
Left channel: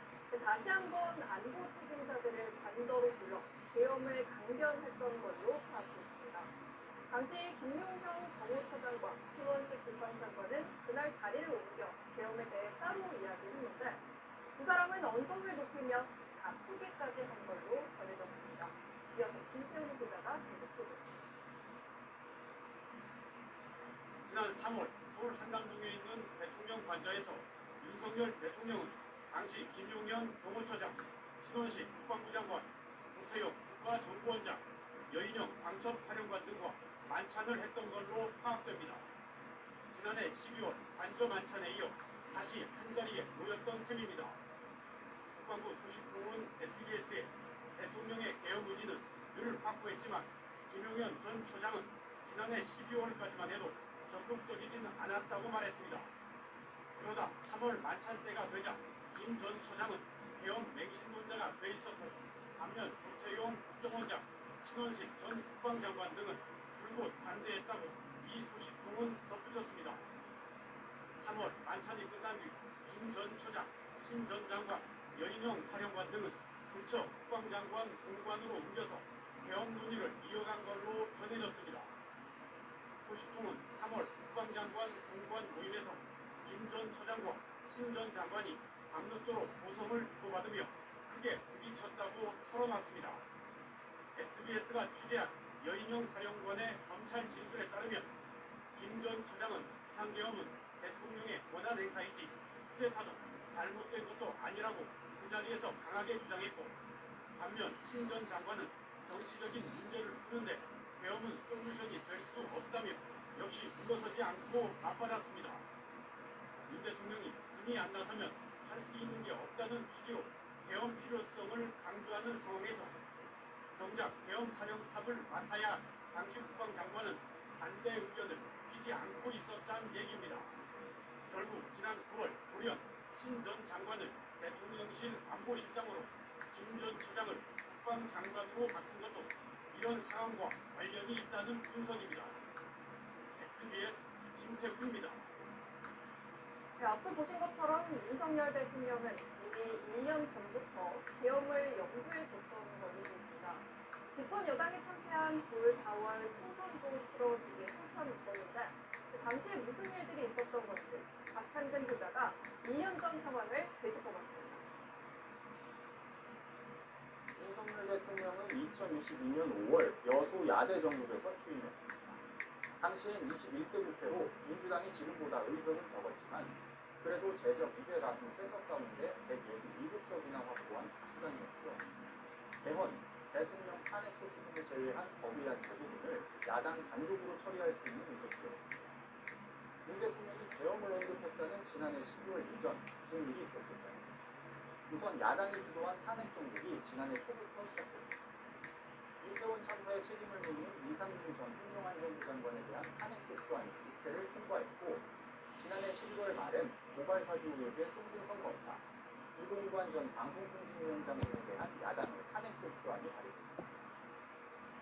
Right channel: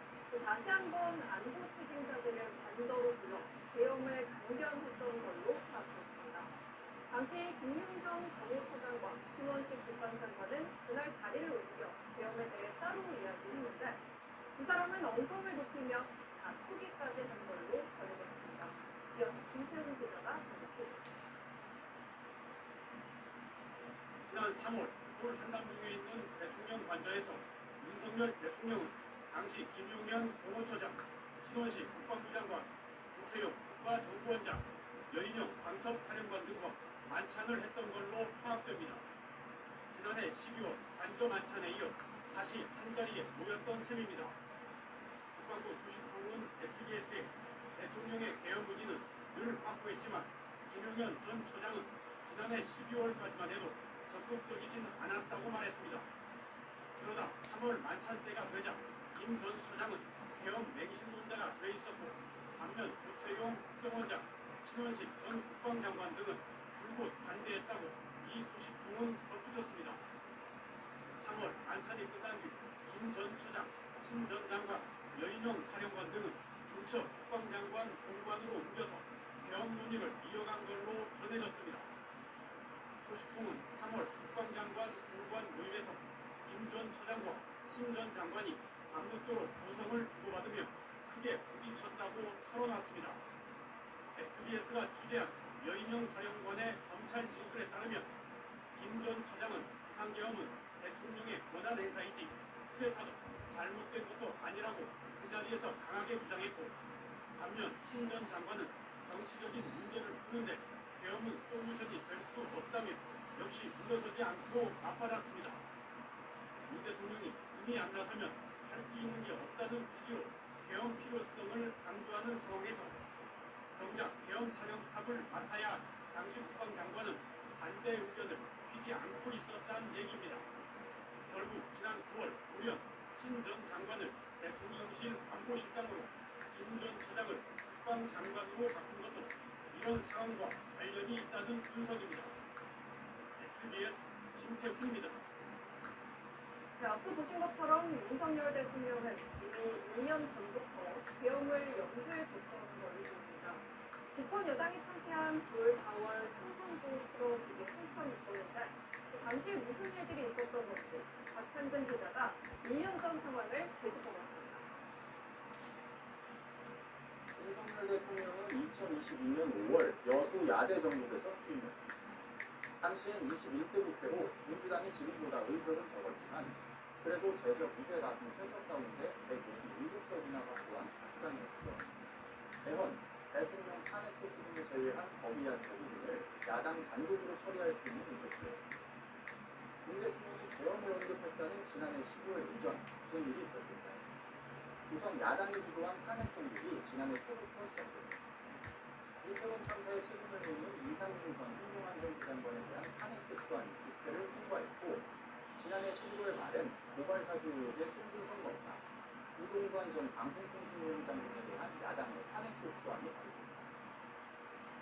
다시 한번 안보 책임자들을 관저로 불러 계엄을 강변했던 걸로 파악됐습니다. 당시 김용현 정무처장과 신원식 국방장관은 그날 자리를 옮겨 계엄에 대해 따로 이야기했는데 두 사람은 언성을 높이며 다투기까지 한 걸로 전해졌습니다. 이어서 김태훈 기자가 전해드립니다. 지난 3월 서울 한남동에 있는 대통령 관저에서 윤석열 대통령은 당시 김용현 경호처장, 신원식 국방부 장관, 조태용 국가정보원장, 여인영 방첩사령관 등과 만찬을 했던 걸로 파악됩니다. 지난해 12월 관저 만찬에 이어 다시 한자리에 모였던 셈입니다. 국방부 소식통은 SBS에 대통령의 계엄 의지는 늘 확고했지만 김용현 전 처장은 지난해 12월까지만 해도 적극적이진 않았다고 말했습니다. 그러다 3월 만찬 때가 되자 김 전 처장은 계엄 맹신론자가 돼 있었고 반면 조태용 국정원장, 신원식 전 국방장관 등은 줄곧 반대했다고 이 소식통은 덧붙였습니다. 3월 만찬이 끝난 뒤 김 전 처장, 신 전 장관, 여인영 사령관 등은 부처 국방장관 공관으로 옮겨서 계엄 논의를 이어간 걸로 전해졌습니다. 소식통은 3월 국방장관 공관 모임에서 김 전 처장과 신 전 장관이 밤늦도록 고성을 주고받으며 크게 부딪혔다고 털어놨습니다. SBS가 취재한 여인영 사령관의 검찰 진술에 따르면 김 전 처장은 상계엄은 대통령의 권한 행사이지 쿠데타도 잘못된 것도 아니라고 그 자리에서 강하게 주장했고 반면 신 전 장관은 정치적인 문제를 푸는데 계엄은 솔루션이 될 수 없다며 역시 물러서지 않고 맞받았습니다. 윤 대통령이 등이 안 나서면 할 수 있는 게 없다는 취지로 계엄 필요성을 강조하는 상황에서 정작 계엄 사령탑을 맡아야 당시 국방장관은 반대 의견을 피지 않고 있었다는 얘기입니다. 결국 지난 9월 우련 신 전 장관을 대통령실 안보실장으로 김 전 처장을 국방장관으로 바꾼 것도 이런 상황과 관련이 있다는 분석입니다. SBS 김태훈입니다. 네, 앞서 보신 것처럼 윤석열 대통령은 이미 2년 전부터 계엄을 염두에 뒀던 걸로 보입니다. 집권 여당이 참패한 9월 4월 총선도 치러지기 한참 전인데 당시에 무슨 일들이 있었던 건지 박창근 기자가 1년 전 상황을 되짚어봤습니다. 윤석열 대통령은 2022년 5월 여수 야대 정국에서 취임했습니다. 당시엔 21대 국회로 민주당이 지금보다 의석은 적었지만 그래도 제적 293석 가운데 167석이나 확보한 다수당이었죠. 개헌, 대통령 탄핵소추 등을 제외한 법의안 대부분을 야당 단독으로 처리할 수 있는 의석수였습니다. 윤 대통령이 계엄을 언급했다는 지난해 12월 이전 무슨 일이 있었을까요? 우선 야당이 주도한 탄핵 정국이 지난해 초부터 시작됐습니다. 이태원 참사의 책임을 묻는 이상민 전 행정안전부 장관에 대한 탄핵소추안이 국회를 통과했고 지난해 11월 말엔 고발사주 의혹의 송준성 검사, 이동관 전 방송통신위원장 등에 대한 야당의 탄핵소추안이 발의됐습니다.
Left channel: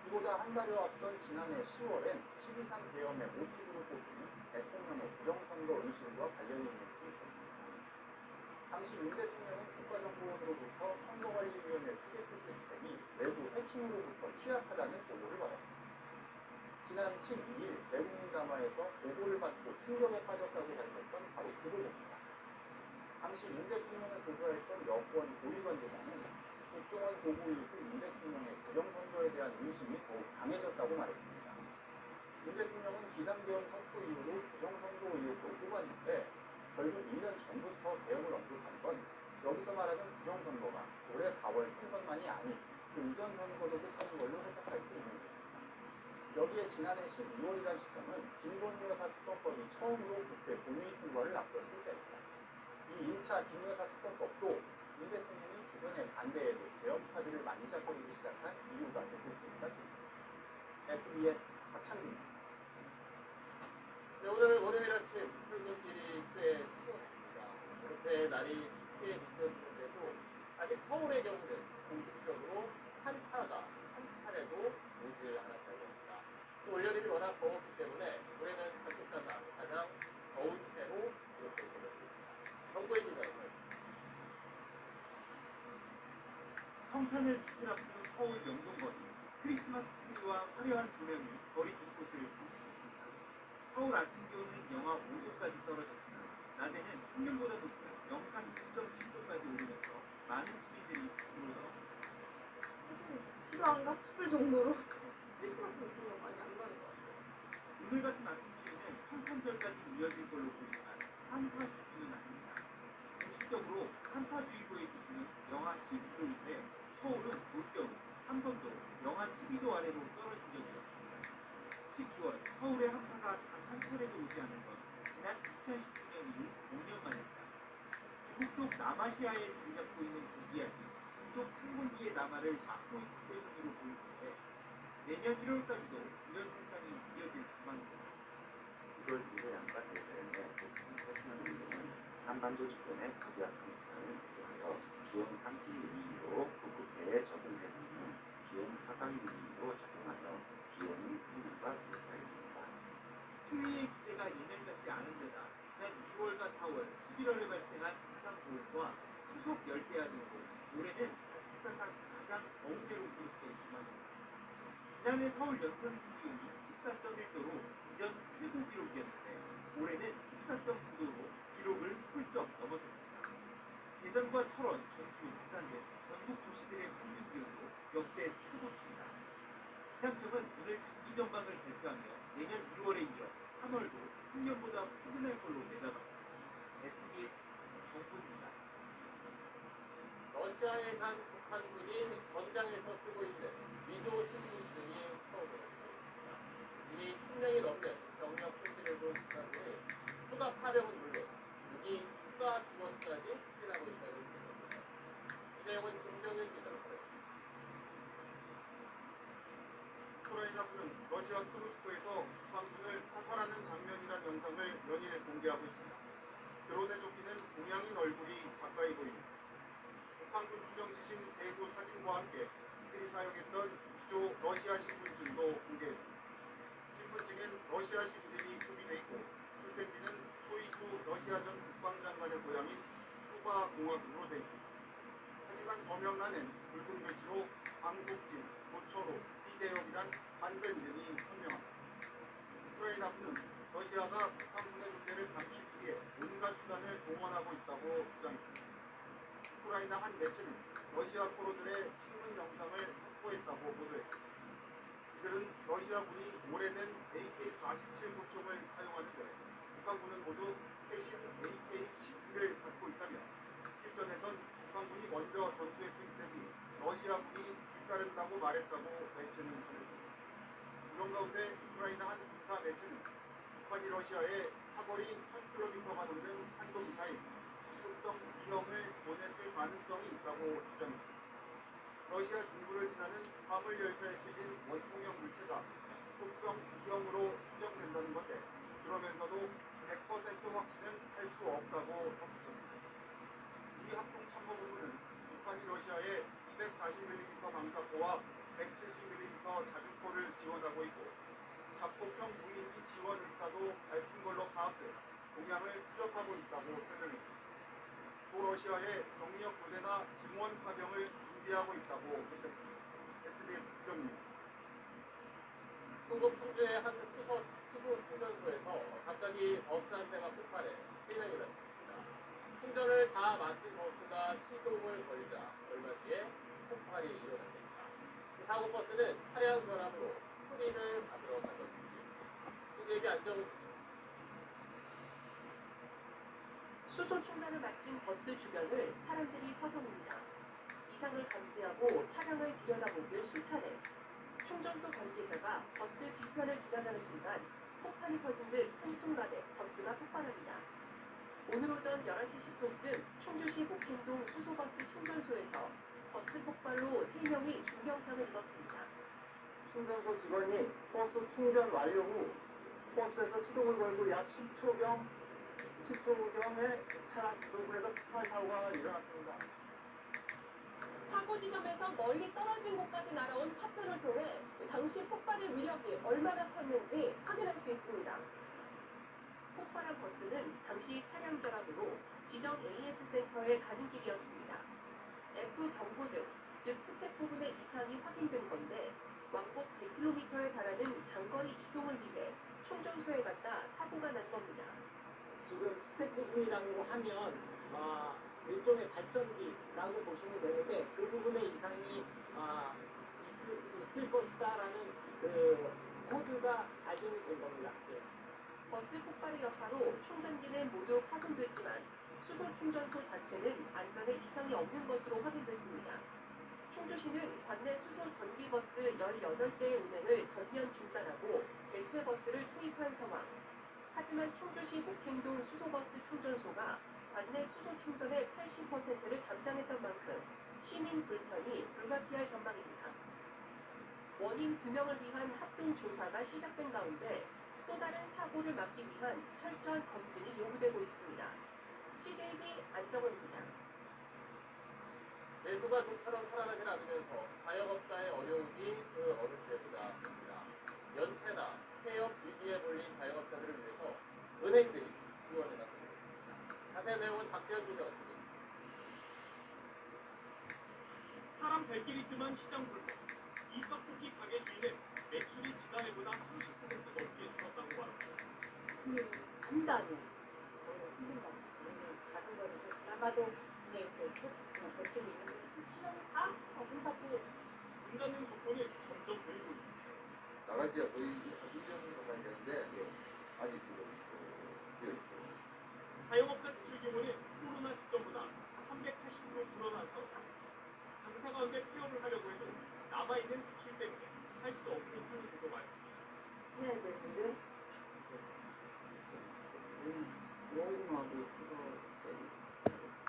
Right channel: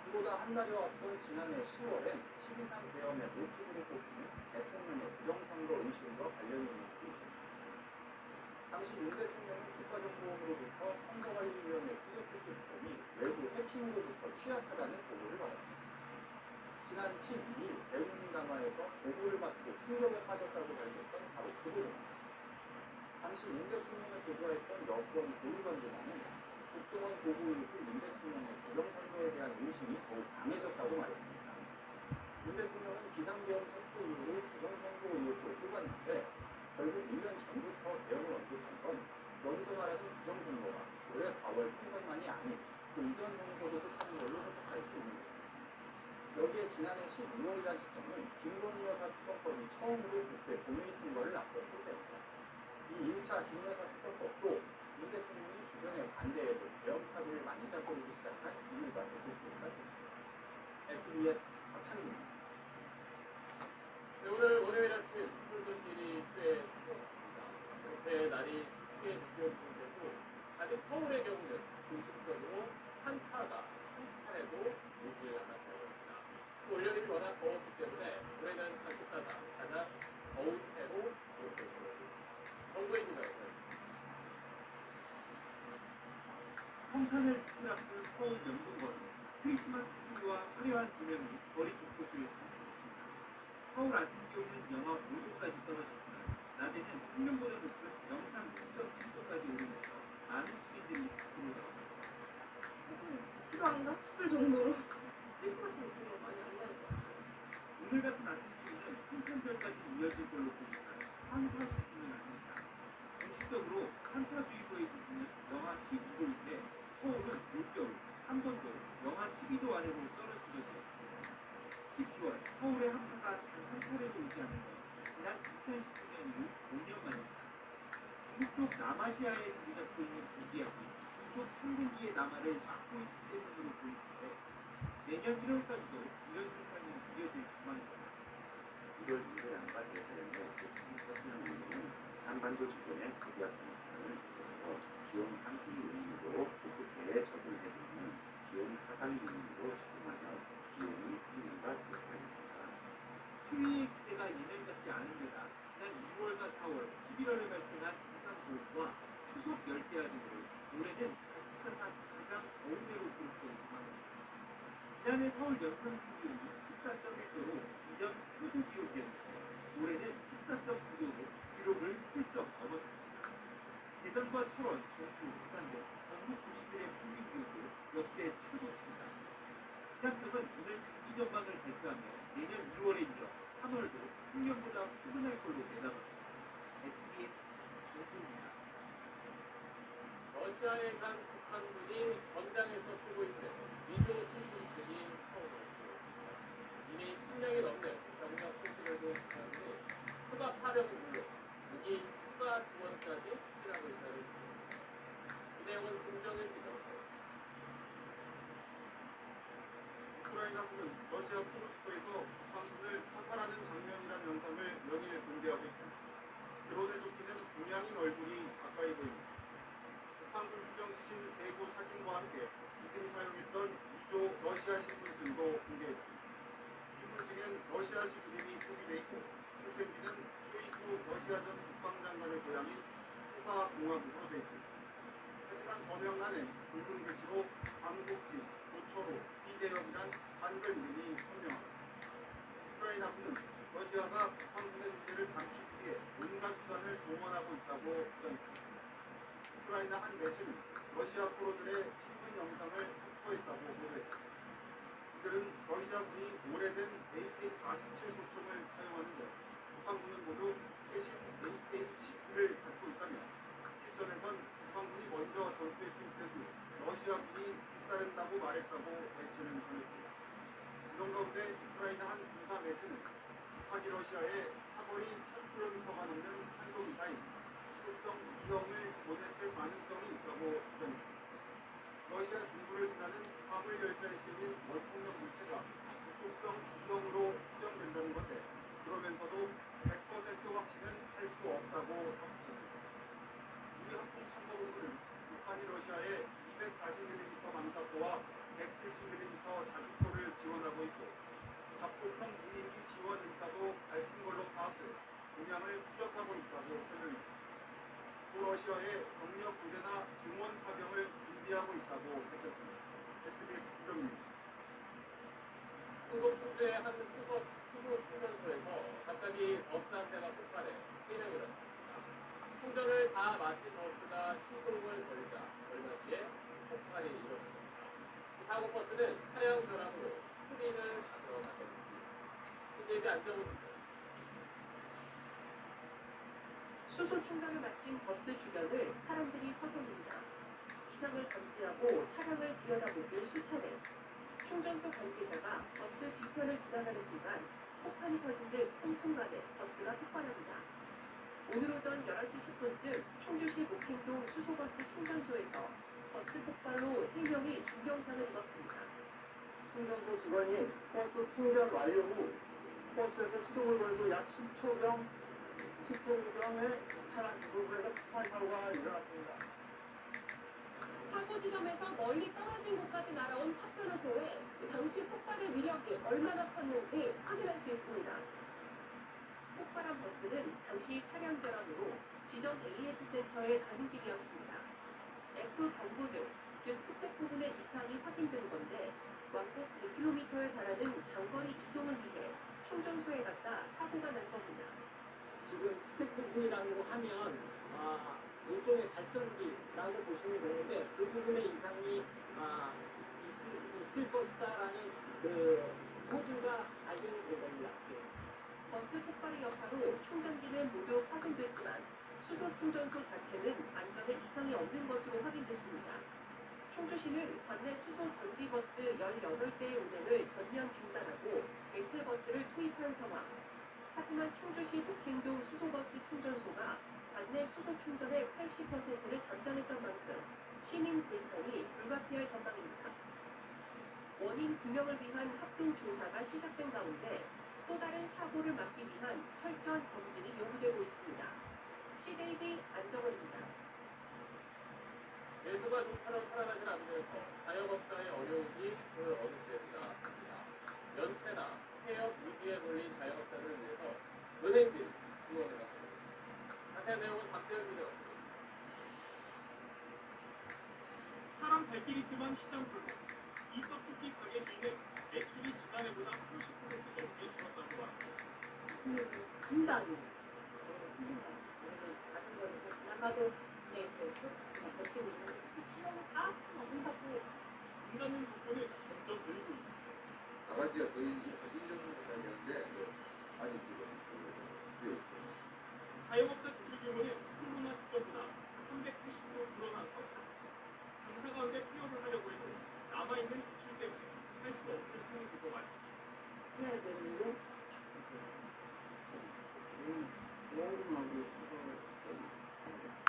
그보다 한 달여 앞선 지난해 10월엔 12.3 계엄의 모티브로 꼽히는 대통령의 부정선거 의심과 관련이 있는 일이 있었습니다. 당시 윤 대통령은 국가정보원으로부터 선거관리위원회 투개표 시스템이 외부 해킹으로부터 취약하다는 보고를 받았습니다. 지난 12일 대국민 담화에서 보고를 받고 충격에 빠졌다고 밝혔던 바로 그 보도입니다. 당시 윤 대통령을 보좌했던 여권 고위관계자는 국정원 보고 이후 윤 대통령의 부정선거에 대한 의심이 더욱 강해졌다고 말했습니다. 윤 대통령은 비상계엄 선포 이후로 부정선거 의혹으로 뽑았는데 결국 1년 전부터 계엄을 언급한 건 여기서 말하는 부정선거가 올해 4월 총선만이 아닌 그 이전 선거도 뜻하는 걸로 해석할 수 있는 것입니다. 여기에 지난해 12월이란 시점은 김건희 여사 특검법이 처음으로 국회 본회의 통과를 앞뒀을 때입니다. 이 1차 김여사 특검법도 윤 대통령이 주변의 반대에도 계엄 카드를 만지작거리기 시작한 이유가 있을 수가 있습니다. SBS 박창규입니다. 네, 오늘 월요일 아침 출근길이 꽤 추웠습니다. 그렇게 날이 춥게 느껴지는데도 아직 서울의 경우는 공식적으로 한파가 한 차례도 오질 않았다고 합니다. 또 올여름이 워낙 더웠기 때문에 올해는 사실상 가장 더운 해로 기록되고 있습니다. 정보의 기자입니다. 성탄을 치킨 앞둔 서울 명동거리. 크리스마스 트리와 화려한 조명이 거리 곳곳을 장식했습니다. 서울 아침 기온은 영하 5도까지 떨어졌지만 낮에는 평년보다 높은 영상 6.7도까지 오르면서 많은 시민들이 밖으로 나왔습니다. 필요한가 싶을 정도로 크리스마스 느낌이 많이 안 나는 것 같아요. 오늘 같은 아침 추위는 성탄절까지 이어질 걸로 보이지만 한파 수준은 아닙니다. 공식적으로 한파주의보의 기준은 영하 12도인데 서울은 올겨울 한 번도 영하 12도 아래로 떨어진 적이 없습니다. 12월 서울의 한파가 단 한 차례도 오지 않은 건 지난 2019년 이후 5년 만입니다. 중국 쪽 남아시아에 자리 잡고 있는 고기압이 이쪽 항공기의 남하를 막고 있기 때문으로 보이는데 내년 1월까지도 이런 현상이 이어질 전망입니다. 1월 이후에 양반이 되는데 중국 운동은 한반도 주변의 고기압 현상을 유도하여 기온 상승 요인으로 북극해에 적응해 있는 기온 하강 요인으로 작용하여 기온의 상승과 비슷하겠습니다. 추위의 기세가 예년 같지 않은 데다 지난 2월과 4월, 11월에 발생한 이상고온과 추석 열대야 등으로 올해는 사실상 가장 더운 해로 기록된 전망입니다. 지난해 서울 연평균 기온이 14.1도로 이전 최고 기록이었는데 올해는 14.9도로 기록을 훌쩍 넘어섰습니다. 대전과 철원, 전주, 부산 등 전국 도시들의 평균 기온도 역대 최고치입니다. 기상청은 오늘 장기 전망을 발표하며 내년 2월에 이어 3월도 풍년보다 포근할 걸로 내다봤습니다. SBS 정부입니다. 러시아에 간 북한군이 전장에서 쓰고 있는 위조 신분증이 처음으로 들어왔습니다. 이미 1000명이 넘는 병력 소식을 본 북한군이 추가 파병은 물론 무기 추가 지원까지 추진하고 있다는 소식입니다. 이 내용은 김정일 기자입니다. 우크라이나군은 러시아 크루스크에서 북한군을 사살하는 장면이라는 영상을 연일 공개하고 있습니다. 드론에 쫓기는 동양인 얼굴이 가까이 보입니다. 북한군 추정지신 대구 사진과 함께 이들이 사용했던 2조 러시아 신분증도 공개했습니다. 신분증엔 러시아식 이름이 표기돼 있고 출생지는 쇼이구 러시아 전 국방장관의 고향인 수바공화국으로 되어 있습니다. 하지만 서명란엔 붉은 글씨로 광복진, 조초로, 이대역이란 반전 이름이 선명합니다. 우크라이나군은 러시아가 북한군의 존재를 감추기 위해 온갖 수단을 동원하고 있다고 주장했습니다. 우크라이나 한 매체는 러시아 포로들의 신문 영상을 확보했다고 보도했습니다. 이들은 러시아군이 오래된 AK-47 구총을 사용하는데 북한군은 모두 최신 AK-19를 갖고 있다며 실전에선 북한군이 먼저 전투에 투입된 후 러시아군이 뒤따른다고 말했다고 매체는 전했습니다. 이런 가운데 우크라이나 한 군사 매체는 북한이 러시아에 사거리 1000km가 넘는 탄도미사일 속성 2형을 보냈을 가능성이 있다고 주장했습니다. 러시아 중부를 지나는 화물 열차에 실린 원통형 물체가 속성 2형으로 추정된다는 건데 그러면서도 100% 확신은 할 수 없다고 덧붙였습니다. 우리 합동참모본부는 북한이 러시아에 240mm 방사포와 170mm 자주포를 지원하고 있고 자폭형 무인기 지원 의사도 밝힌 걸로 파악돼 동향을 추적하고 있다고 설명했습니다. 또 러시아에 병력 부대나 증원 파병을 준비하고 있다고 밝혔습니다. SBS 국정입니다. 중국 충주의 한 추석 충전소에서 갑자기 버스 한 대가 폭발해 3명이 다쳤습니다. 충전을 마치 버스가 시동을 걸자 얼마 뒤에 폭발이 일어났습니다. 사고 버스는 차량 결함으로 수리를 받으러 갔거든요. 수제비 안정훈 수소 충전을 마친 버스 주변을 사람들이 서성입니다. 이상을 감지하고 차량을 들여다보는 수차례. 충전소 관계자가 버스 뒤편을 지나가는 순간 폭탄이 터진 듯 한순간에 버스가 폭발합니다. 오늘 오전 11시 10분쯤 충주시 목행동 수소버스 충전소에서 버스 폭발로 3명이 중경상을 입었습니다. 충전소 직원이 버스 충전 완료 후 버스에서 시동을 걸고 약 10초경에 차량 부분에서 폭발 사고가 일어났습니다. 사고 지점에서 멀리 떨어진 곳까지 날아온 파편을 통해 당시 폭발의 위력이 얼마나 컸는지 확인할 수 있습니다. 폭발한 버스는 당시 차량 결함으로 지점 AS 센터에 가는 길이었습니다. F 경보 등, 즉 스택 부분의 이상이 확인된 건데 왕복 100km에 달하는 장거리 이동을 위해 충전소에 갔다 사고가 난 겁니다. 지금 스택 부분이라고 하면 일종의 발전기라고 보시면 되는데 그 부분에 이상이 있을 것이다라는 그 코드가 발견이 된 겁니다. 버스 폭발의 여파로 충전기는 모두 파손됐지만 수소 충전소 자체는 안전에 이상이 없는 것으로 확인됐습니다. 충주시는 관내 수소 전기버스 18대의 운행을 전면 중단하고 대체 버스를 투입한 상황. 하지만 충주시 목행동 수소버스 충전소가 관내 수소 충전의 80%를 담당했던 만큼 시민 불편이 불가피할 전망입니다. 원인 규명을 위한 합동 조사가 시작된 가운데 또 다른 사고를 막기 위한 철저한 검증이 요구되고 있습니다. CJB 안정원입니다. 배수가 좀처럼 살아나질 않으면서 자영업자의 어려움이 그 어느 때보다 큽니다. 연체나 폐업 위기에 몰린 자영업자들을 위해서 은행들이 지원을 하고 있습니다. 자세한 내용은 박재현 기자가 드립니다. 사람 발길이 뜸한 시장 불법. 이 떡볶이 가게 주인은 매출이 지난해보다 30% 넘게 줄었다고 말합니다. 한 달이 작은 거는 그나마도 그냥 버티고 있는 거지. 다 문닫고 문 닫는 조건은 점점 늘고 있습니다. 나가지가 거의 1년 가까이 되는데 아직 지금 비어 있어요. 자영업자 대출 규모는 코로나 직전보다 380조 늘어나서 장사 가운데 폐업을 하려고 해도 남아있는 대출 때문에 할 수 없는 상황들도 많습니다. 해야 되는데 모금하고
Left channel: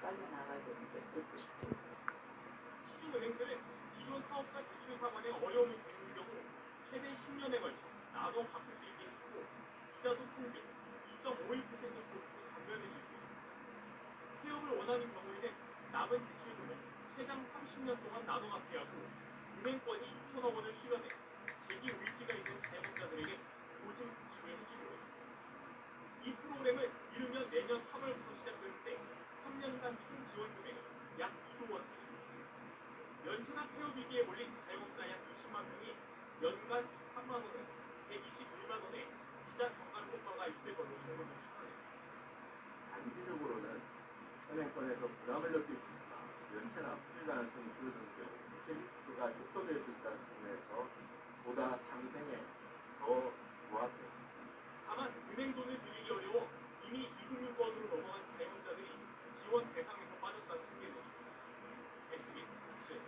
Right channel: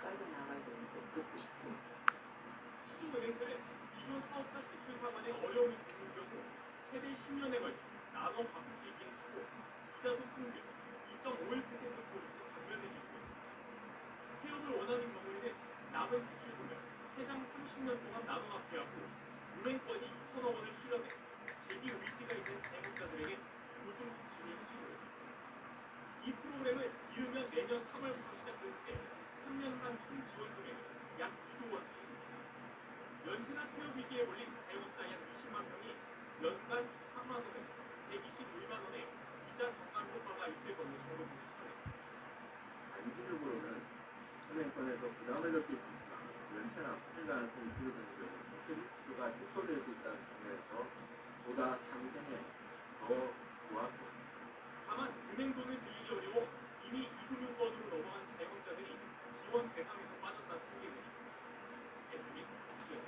빠져나가야 되는데 그것도 쉽지 않고. 수조은행들은 기존 사업자 대출 상환에 어려움이 생긴 경우 최대 10년에 걸쳐 나눠 갚을 수 있게 해주고 이자도 평균 2.51%포인트 감면해주고 있습니다. 폐업을 원하는 경우에는 남은 대출금을 최장 30년 동안 나눠 갚게 하고 은행권이 2천억 원을 실현해 재기 의지가 있는 자영업자들에게 보증 대출을 해주고 있습니다. 이 프로그램은 이르면 내년 3월부터 시작되는데 3년간 총 지원 금액은 약 2조 원 수준입니다. 연체나 폐업 위기에 몰린 자영업자 약 20만 명이 연간 3만 원에서 121만 원의 이자 경감 효과가 있을 것으로 정부는 추산했습니다. 단기적으로는 은행권에서 부담을 느낄 수 있으나 연체나 부실 가능성이 줄어드는 경우 부실 리스크가 축소될 수 있다는 측면에서 보다 상생에 더 부합됩니다. 다만 은행 돈을 빌리기 어려워 이미 이금융권으로 넘어간 자영업자들이 지원 대상에서 빠졌다는 통계들이 있습니다. SBS 뉴스.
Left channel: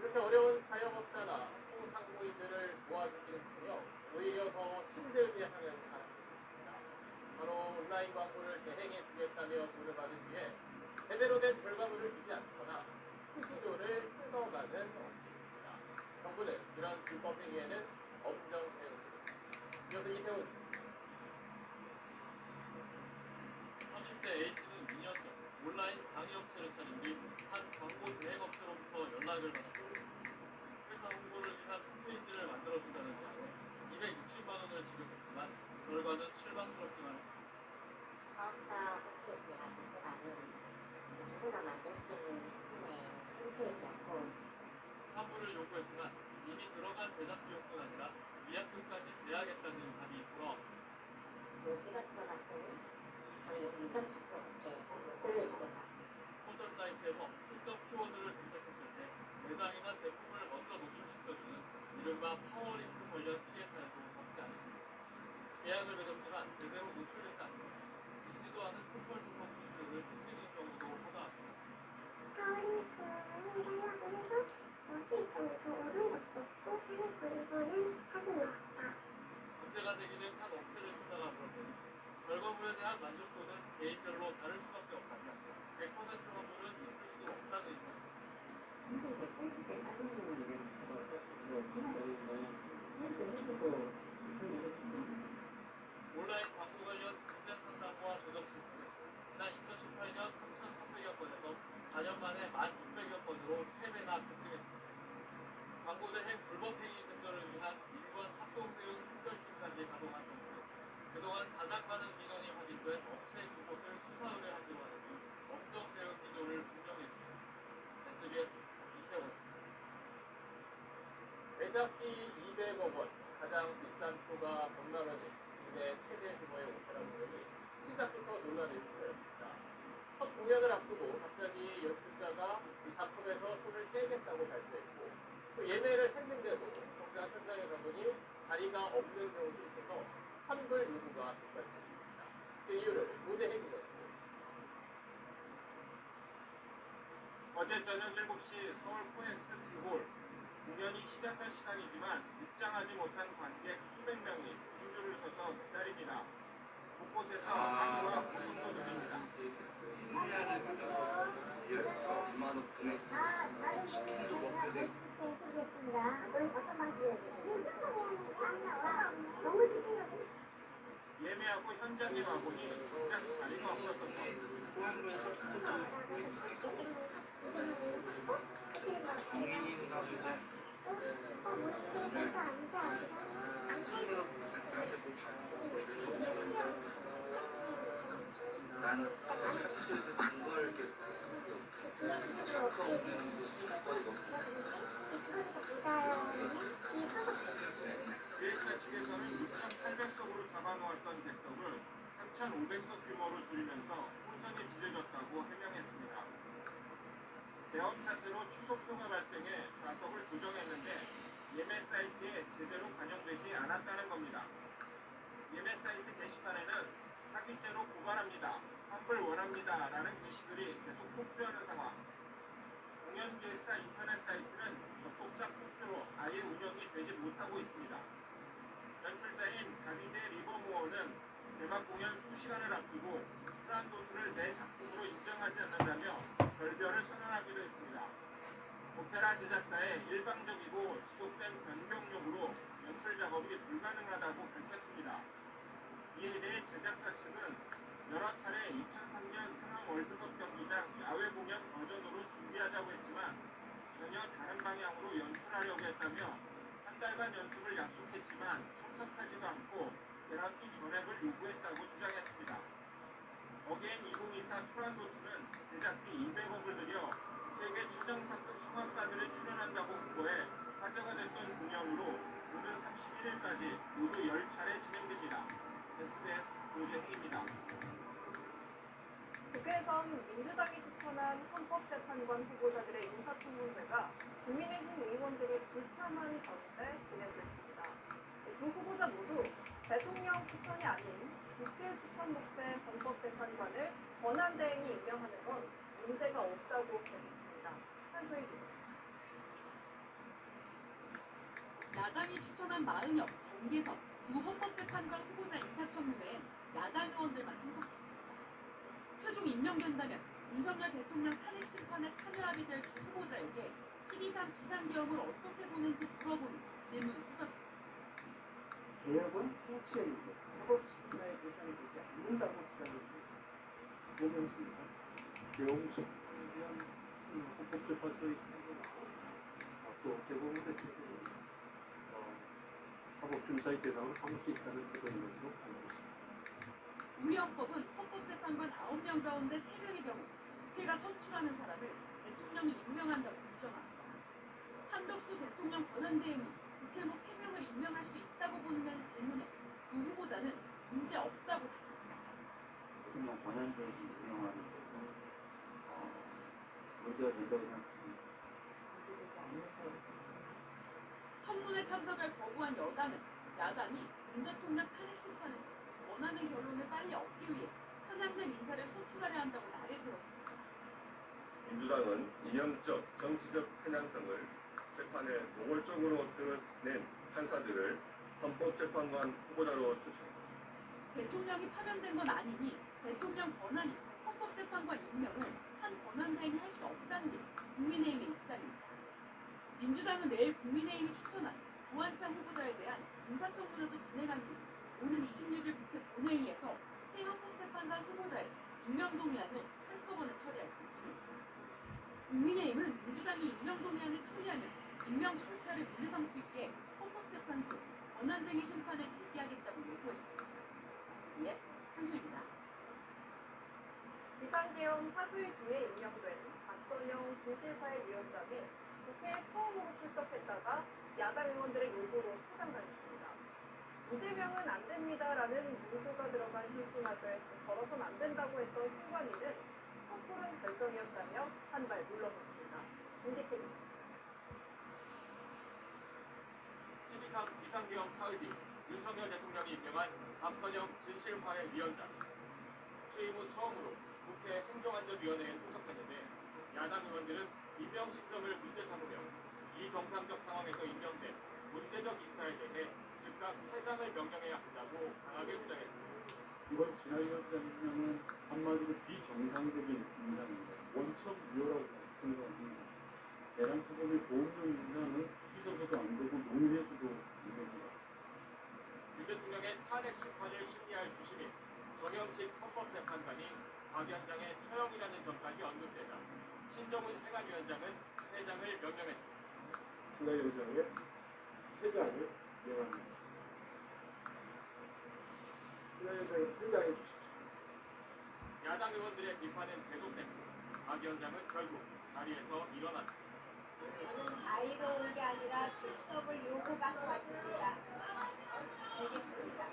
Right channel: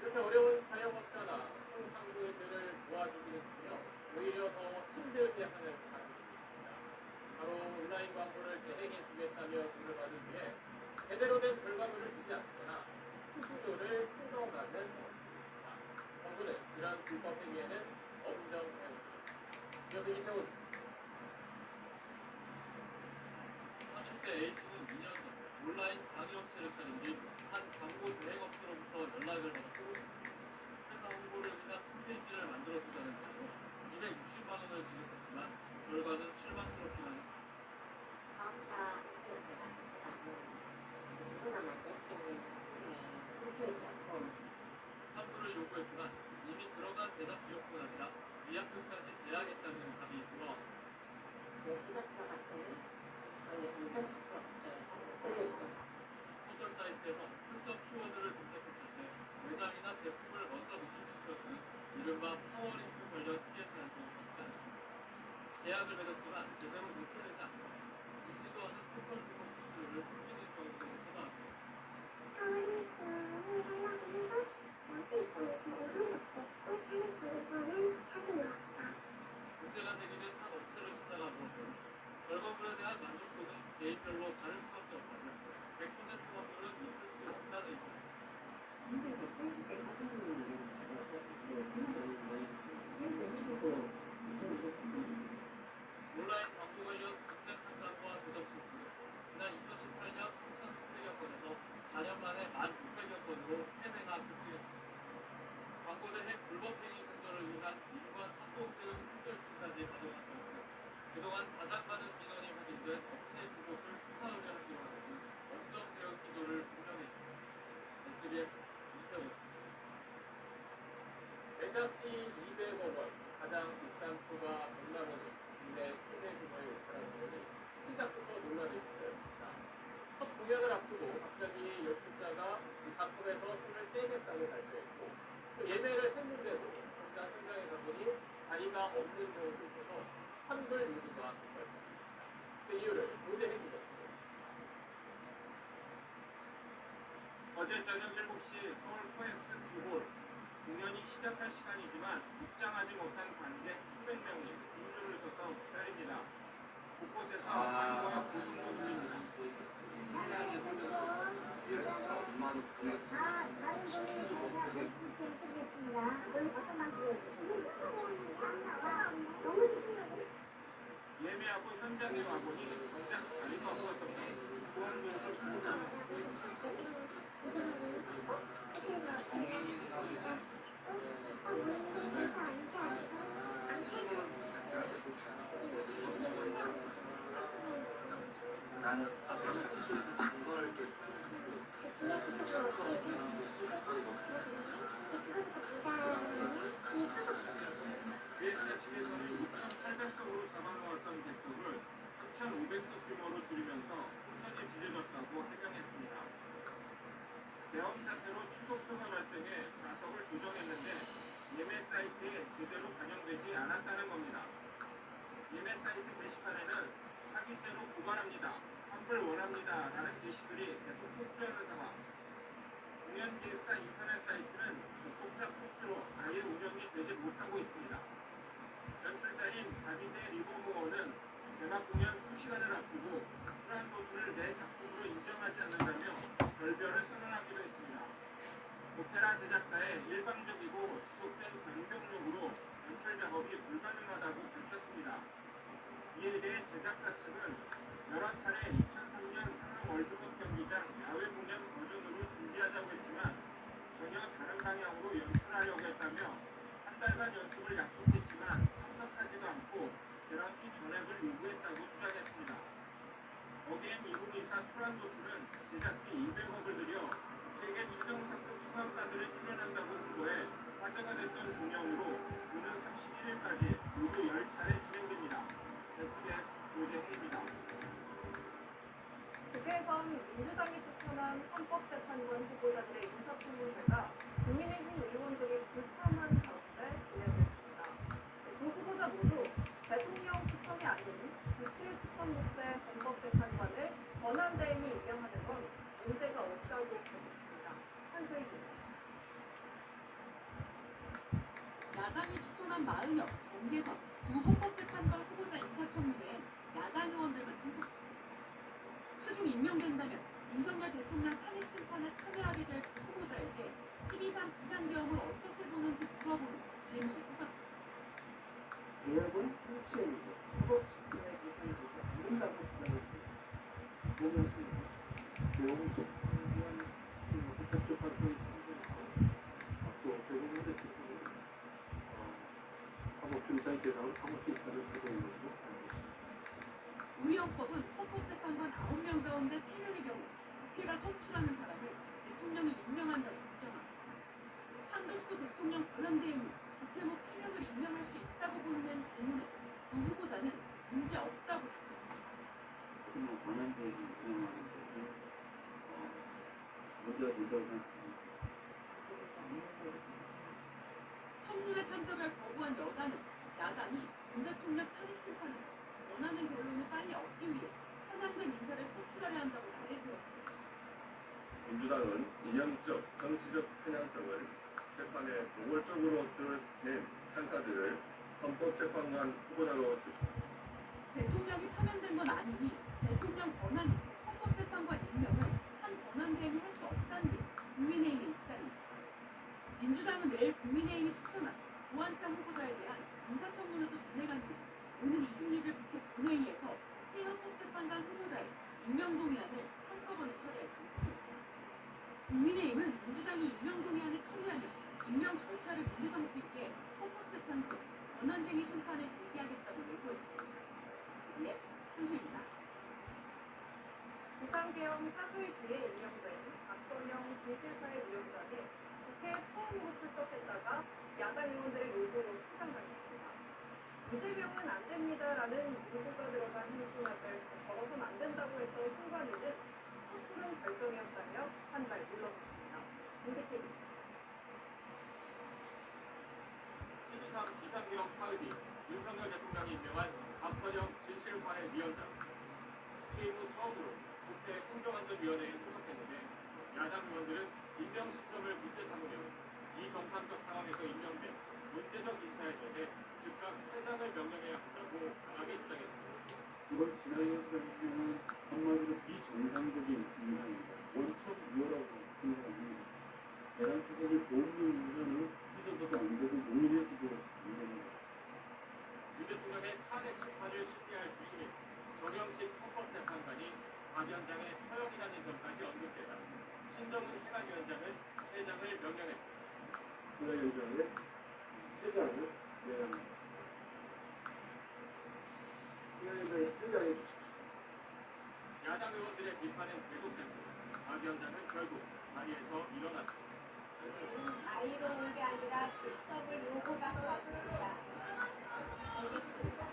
이렇게 어려운 자영업자나 소상공인들을 도와주기는커녕 오히려 더 힘들게 하는 사람들이 있습니다. 바로 온라인 광고를 대행해 주겠다며 돈을 받은 뒤에 제대로 된 결과물을 주지 않거나 수수료를 뜯어가는 사람들입니다. 정부는 이런 불법 행위에는 엄정 대응하겠습니다. 이어서 이태훈. 30대 A씨는 2년 전 온라인 강의업체를 차린 뒤 한 광고 대행업체로부터 연락을 받았습니다. 회사 홍보를 위한 홈페이지를 만들어준다는 제안으로 260만 원을 지급했지만 결과는 실망스럽기만 했습니다. 사업자 홈페이지가 아니고 누구나 만들 수 있는 수준의 홈페이지였고 환불을 요구했지만 이미 들어간 제작 비용뿐 아니라 위약금까지 제하겠다는 답이 돌아왔습니다. 몇 주가 들어갔더니 거의 20, 30%밖에 올려주겠다. 포털 사이트에서 특정 키워드를 검색했을 때 매장이나 제품을 먼저 노출시켜주는 이른바 파워링크 관련 피해 사연도 적지 않습니다. 계약을 맺었지만 제대로 노출되지 않고 있지도 않은 포털 등록 코드를 숨기는 경우도 허다합니다. 파워링크를 하려고 해서 수익성이 더 오른 것도 있고 그래서 이거는 사기 나왔다. 문제가 되기는 한 업체를 찾아가 물었더니 결과물에 대한 만족도는 개인별로 다를 수밖에 없다며 100% 확률은 있을 수 없다는 입장입니다. 온라인 광고 관련 공장 상담과 조작 신청은 지난 2018년 3,300여 건에서 4년 만에 1,600여 건으로 3배나 급증했습니다. 광고대 핵 불법행위 근절을 위한 일관 합동대응 특별팀까지 가동한 정도로 그동안 가장 많은 민원이 확인된 업체 그곳을 수사 의뢰하기로 하는 등 엄정 대응 기조를 분명히 했습니다. SBS 이태원입니다. 제작비 200억 원, 가장 비싼 표가 100만 원인 국내 최대 규모의 오페라 공연이 시작부터 논란을 빚었습니다. 첫 공연을 앞두고 갑자기 연출자가 이 작품에서 손을 떼겠다고 발표했고 또 예매를 했는데도 정작 현장에 가보니 자리가 없는 경우도 있어서 환불 요구가 빗발쳤습니다. 그 이유를 노재행 기자입니다. 어제 저녁 7시 서울 코엑스 T홀 공연이 시작할 시간이지만 입장하지 못한 관객 수백 명이 긴 줄을 서서 기다립니다. 곳곳에서 항의와 고성도 들립니다. 예매하고 현장에 와보니 정작 자리가 없었던 나는 증거를 이렇게 기획사 측에서는 6,800석으로 잡아놓았던 객석을 3,500석 규모로 줄이면서 혼선이 빚어졌다고 해명했습니다. 대엄 사태로 취소표가 발생해 좌석을 조정했는데 예매 사이트에 제대로 반영되지 않았다는 겁니다. 예매 사이트 게시판에는 사기죄로 고발합니다. 환불 원합니다. 라는 게시글이 계속 폭주하는 상황. 공연 기획사 인터넷 사이트는 접속자 폭주로 아예 운영이 되지 못하고 있습니다. 연출자인 다비데 리버모어는 개막 공연 수시간을 앞두고 프란도스를 내 작품으로 인정하지 않는다며 결별을 선언하기도 했습니다. 오페라 제작사의 일방적이고 지속된 변경력으로 연출 작업이 불가능하다고 밝혔습니다. 이에 대해 제작사 측은 여러 차례 2003년 상암 월드컵 경기장 야외 공연 버전으로 준비하자고 했지만 전혀 다른 방향으로 연출하려고 했다며 한 달간 연습을 약속했지만 참석하지도 않고 개런티 전액을 요구했다고 주장했습니다. 어게인 2024 투란도스는 제작비 200억을 들여 세계 최정상급 성악가들이 출연한다고 홍보해 화제가 됐던 공연으로 오는 31일까지 모두 10차례 진행됩니다. SBS 노재희입니다. 국회에선 민주당이 추천한 헌법재판관 후보자들의 인사청문회가 국민의힘 의원 등이 불참한 가운데 진행됐습니다. 두 후보자 모두 대통령 추천이 아닌 국회 추천 몫의 헌법재판관을 권한대행이 임명하는 건 문제가 없다고 밝혔습니다. 한소희 기자. 야당이 추천한 40여 경계선 두 헌법재판관 후보자 인사청문회엔 야당 의원들만 참석했습니다. 최종 임명된다면 윤석열 대통령 탄핵 심판에 참여하게 될 두 후보자에게 12.3 비상계엄을 어떻게 보는지 물어보는 질문이 쏟아졌습니다. 개혁은 통치행위고 사법 집사에 계산이 되지 않는다고 주장했습니다. 보면서 개홍석 의원 헌법재판소의 참고하고 또 대부분의 기준은 사법심사의 대상을 삼을 수 있다는 태도인 것으로 알고 있습니다. 우리 헌법은 헌법재판관 9명 가운데 3명의 경우 국회가 선출하는 사람을 대통령이 임명한다고 규정합니다. 한덕수 대통령 권한대행이 국회의원 3명을 임명할 수 있다고 보는 질문에 두 후보자는 문제 없다고 답했습니다. 대통령 권한대행이 운영하는 것은 문제가 된다고 생각합니다. 청문회 참석을 거부한 여당은 야당이 윤 대통령 탄핵 심판에서 원하는 결론을 빨리 얻기 위해 편향된 인사를 소출하려 한다고 나래세웠습니다. 민주당은 이념적, 정치적 편향성을 재판에 노골적으로 드러낸 판사들을 헌법재판관 후보자로 추천합니다. 대통령이 파면된 건 아니니 대통령 권한이 헌법재판관 임명을 한 권한대행이 할 수 없다는 게 국민의힘의 입장입니다. 민주당은 내일 국민의힘이 추천한 우한창 후보자에 대한 인사청문회도 진행한 뒤 오는 26일 국회 본회의에서 새 헌법재판관 후보자의 임명동의안을 한꺼번에 처리할 방침입니다. 국민의힘은 민주당이 임명동의안을 처리하면 임명 절차를 문제 삼기 위해 헌법재판소에 권한쟁의 심판을 제기하겠다고 예고했습니다. 예, 한수입니다. 비상계엄 사흘 뒤에 임명된 박선영 진실화해위원장이 국회에 처음으로 출석했다가 야당 의원들의 요구로 퇴장당했습니다. 이재명은 안 됩니다라는 문구가 들어간 현수막을 걸어선 안 된다고 했던 순간이는 섣부른 결정이었다며 한 발 물러섰습니다. 김기태입니다. 12.3 비상계엄 사흘 뒤 윤석열 대통령이 임명한 박선영 진실화해위원장. 취임 후 처음으로 국회 행정안전위원회에 출석했는데 야당 의원들은 임명 시점을 문제 삼으며 이 정상적 상황에서 임명된 문제적 인사에 대해 즉각 퇴장을 명령해야 한다고 강하게 주장했습니다. 이번 진화위원장 임명은 한마디로 비정상적인 인사입니다. 원천 위헌이라고 생각합니다. 대란 추적을 도우는 인사는 있어서도 안 되고 용인해서도 안 됩니다. 윤 대통령의 탄핵 심판을 심리할 주심인 정영식 헌법재판관이 박 위원장의 처형이라는 점까지 언급되자 신정훈 행안위원장은 퇴장을 명령했습니다. 진화위원장의 퇴장을 명합니다. 진화위원장이 퇴장해 주십시오. 야당 의원들의 비판은 계속됐고 박 위원장은 결국 자리에서 일어났습니다. 저는 자유로운 게 아니라 출석을 요구받고 왔습니다. 알겠습니다.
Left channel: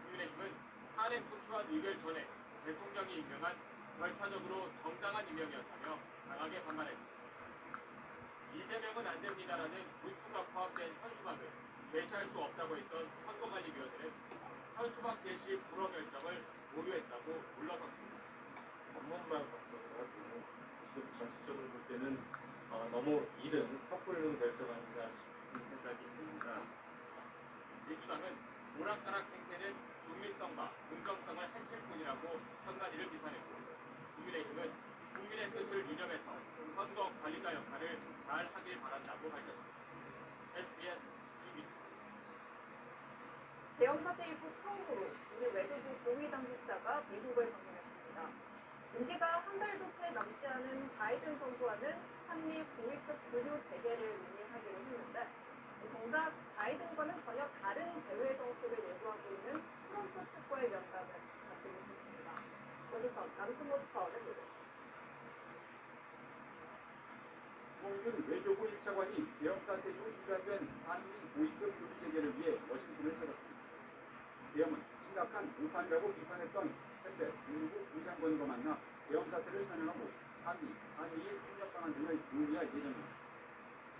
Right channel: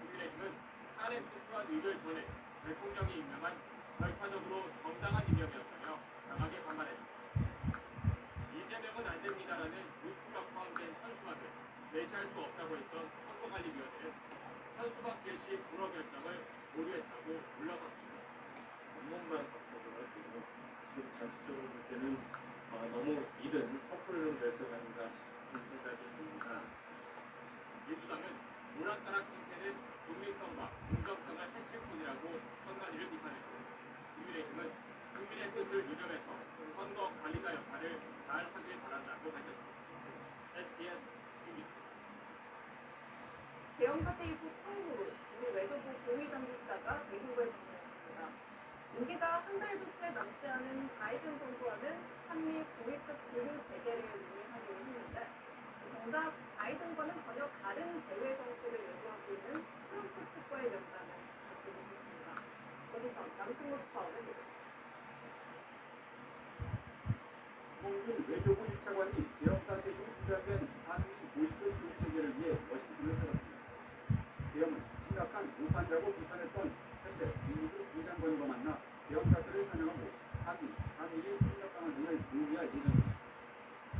국민의힘은 탄핵 소추안 의결 전에 대통령이 임명한 절차적으로 정당한 임명이었다며 강하게 반발했습니다. 이재명은 안 됩니다라는 문구가 포함된 현수막을 배치할 수 없다고 했던 선거관리위원회는 현수막 개시 불허 결정을 보류했다고 물러섰습니다. 법문만 바꿔가지고 지금 전체적으로 볼 때는 너무 이른 섣불른 결정 아닌가 싶은 생각이 듭니다. 민주당은 오락가락 행태는 중립성과 공정성을 해칠 뿐이라고 선관위를 비판했고 국민의힘은 국민의 뜻을 유념해서 선거 관리자 역할을 잘 하길 바란다고 밝혔습니다. SBS TV 계엄 사태 이후 처음으로 우리 외교부 고위 당국자가 미국을 방문했습니다. 임기가 한 달도 채 남지 않은 바이든 정부와는 한미 고위급 교류 재개를 논의하기로 했는데 정작 바이든과는 전혀 다른 대외 정책을 예고하고 있는 트럼프 측과의 면담은 잡히고 있습니다. 워싱턴 남승모 특파원의 보도. 홍준 외교부 1차관이 계엄 사태 이후 중단된 한미 고위급 교류 재개를 위해 워싱턴을 찾았습니다. 계엄은 심각한 우판이라고 비판했던 현대 미국 부장관과 만나 계엄 사태를 설명하고 한미일 협력 방안 등을 논의할 예정입니다.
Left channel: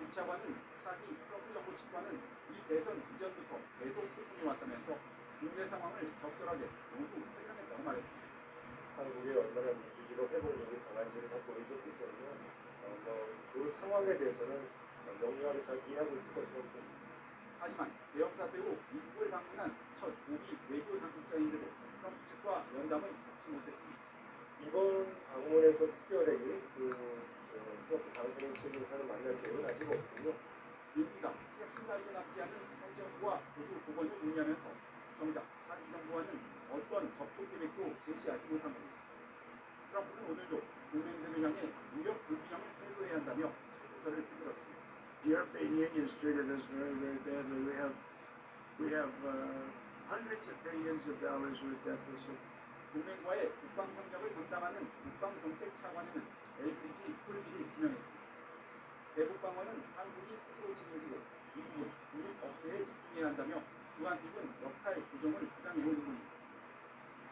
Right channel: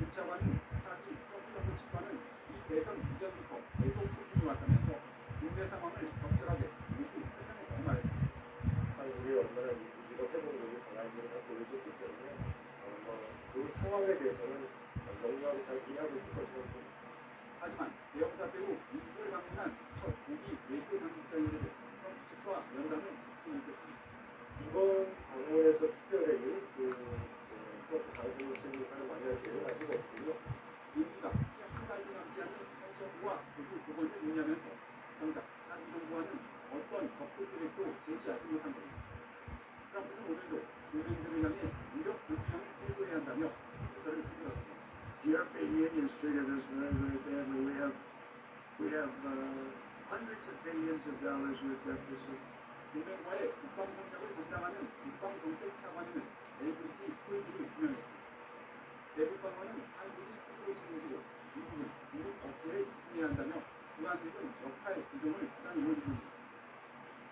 1차관은 차기 트럼프 정부 측과는 이 대선 이전부터 계속 소통이 왔다면서 국내 상황을 적절하게 모두 설명했다고 말했습니다. 한국이 얼마나 민주주의로 회복력이 강한지를 다 보여줬기 때문에 그 상황에 대해서는 명료하게 잘 이해하고 있을 것이라고 봅니다. 하지만 계엄 사태 후 미국을 방문한 첫 고위 외교 당국자인데도 트럼프 측과 면담을 잡지 못했습니다. 이번 방문에서 특별히 트럼프 당선인 인사를 만날 계획은 아직 없고요. 임기가 채 한 달도 남지 않은 현 정부와 모두 그것을 논의하면서 정작 차기 정부와는 어떤 접촉 계획도 제시하지 못한 겁니다. 트럼프는 오늘도 국민들을 향해 무역 불균형을 해소해야 한다며 조사를 펴들었습니다. The European Union has treated us very, very badly. We have hundreds of billions of dollars with deficit. 동맹과의 국방협력을 담당하는 국방정책차관은 LPG 풀기를 지명했습니다. 대북방어는 한국이 스스로 책임지고 미국은 중국 업체에 집중해야 한다며 주한미군 역할 조정을 주장해온 중입니다.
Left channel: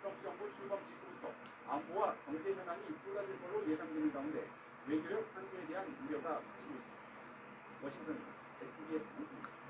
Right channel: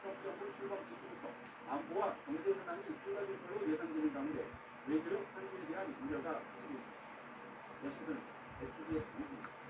트럼프 정부 출범 직후부터 안보와 경제 현안이 쏟아질 걸로 예상되는 가운데 외교력 한계에 대한 우려가 커지고 있습니다. 워싱턴에서 SBS 방송입니다.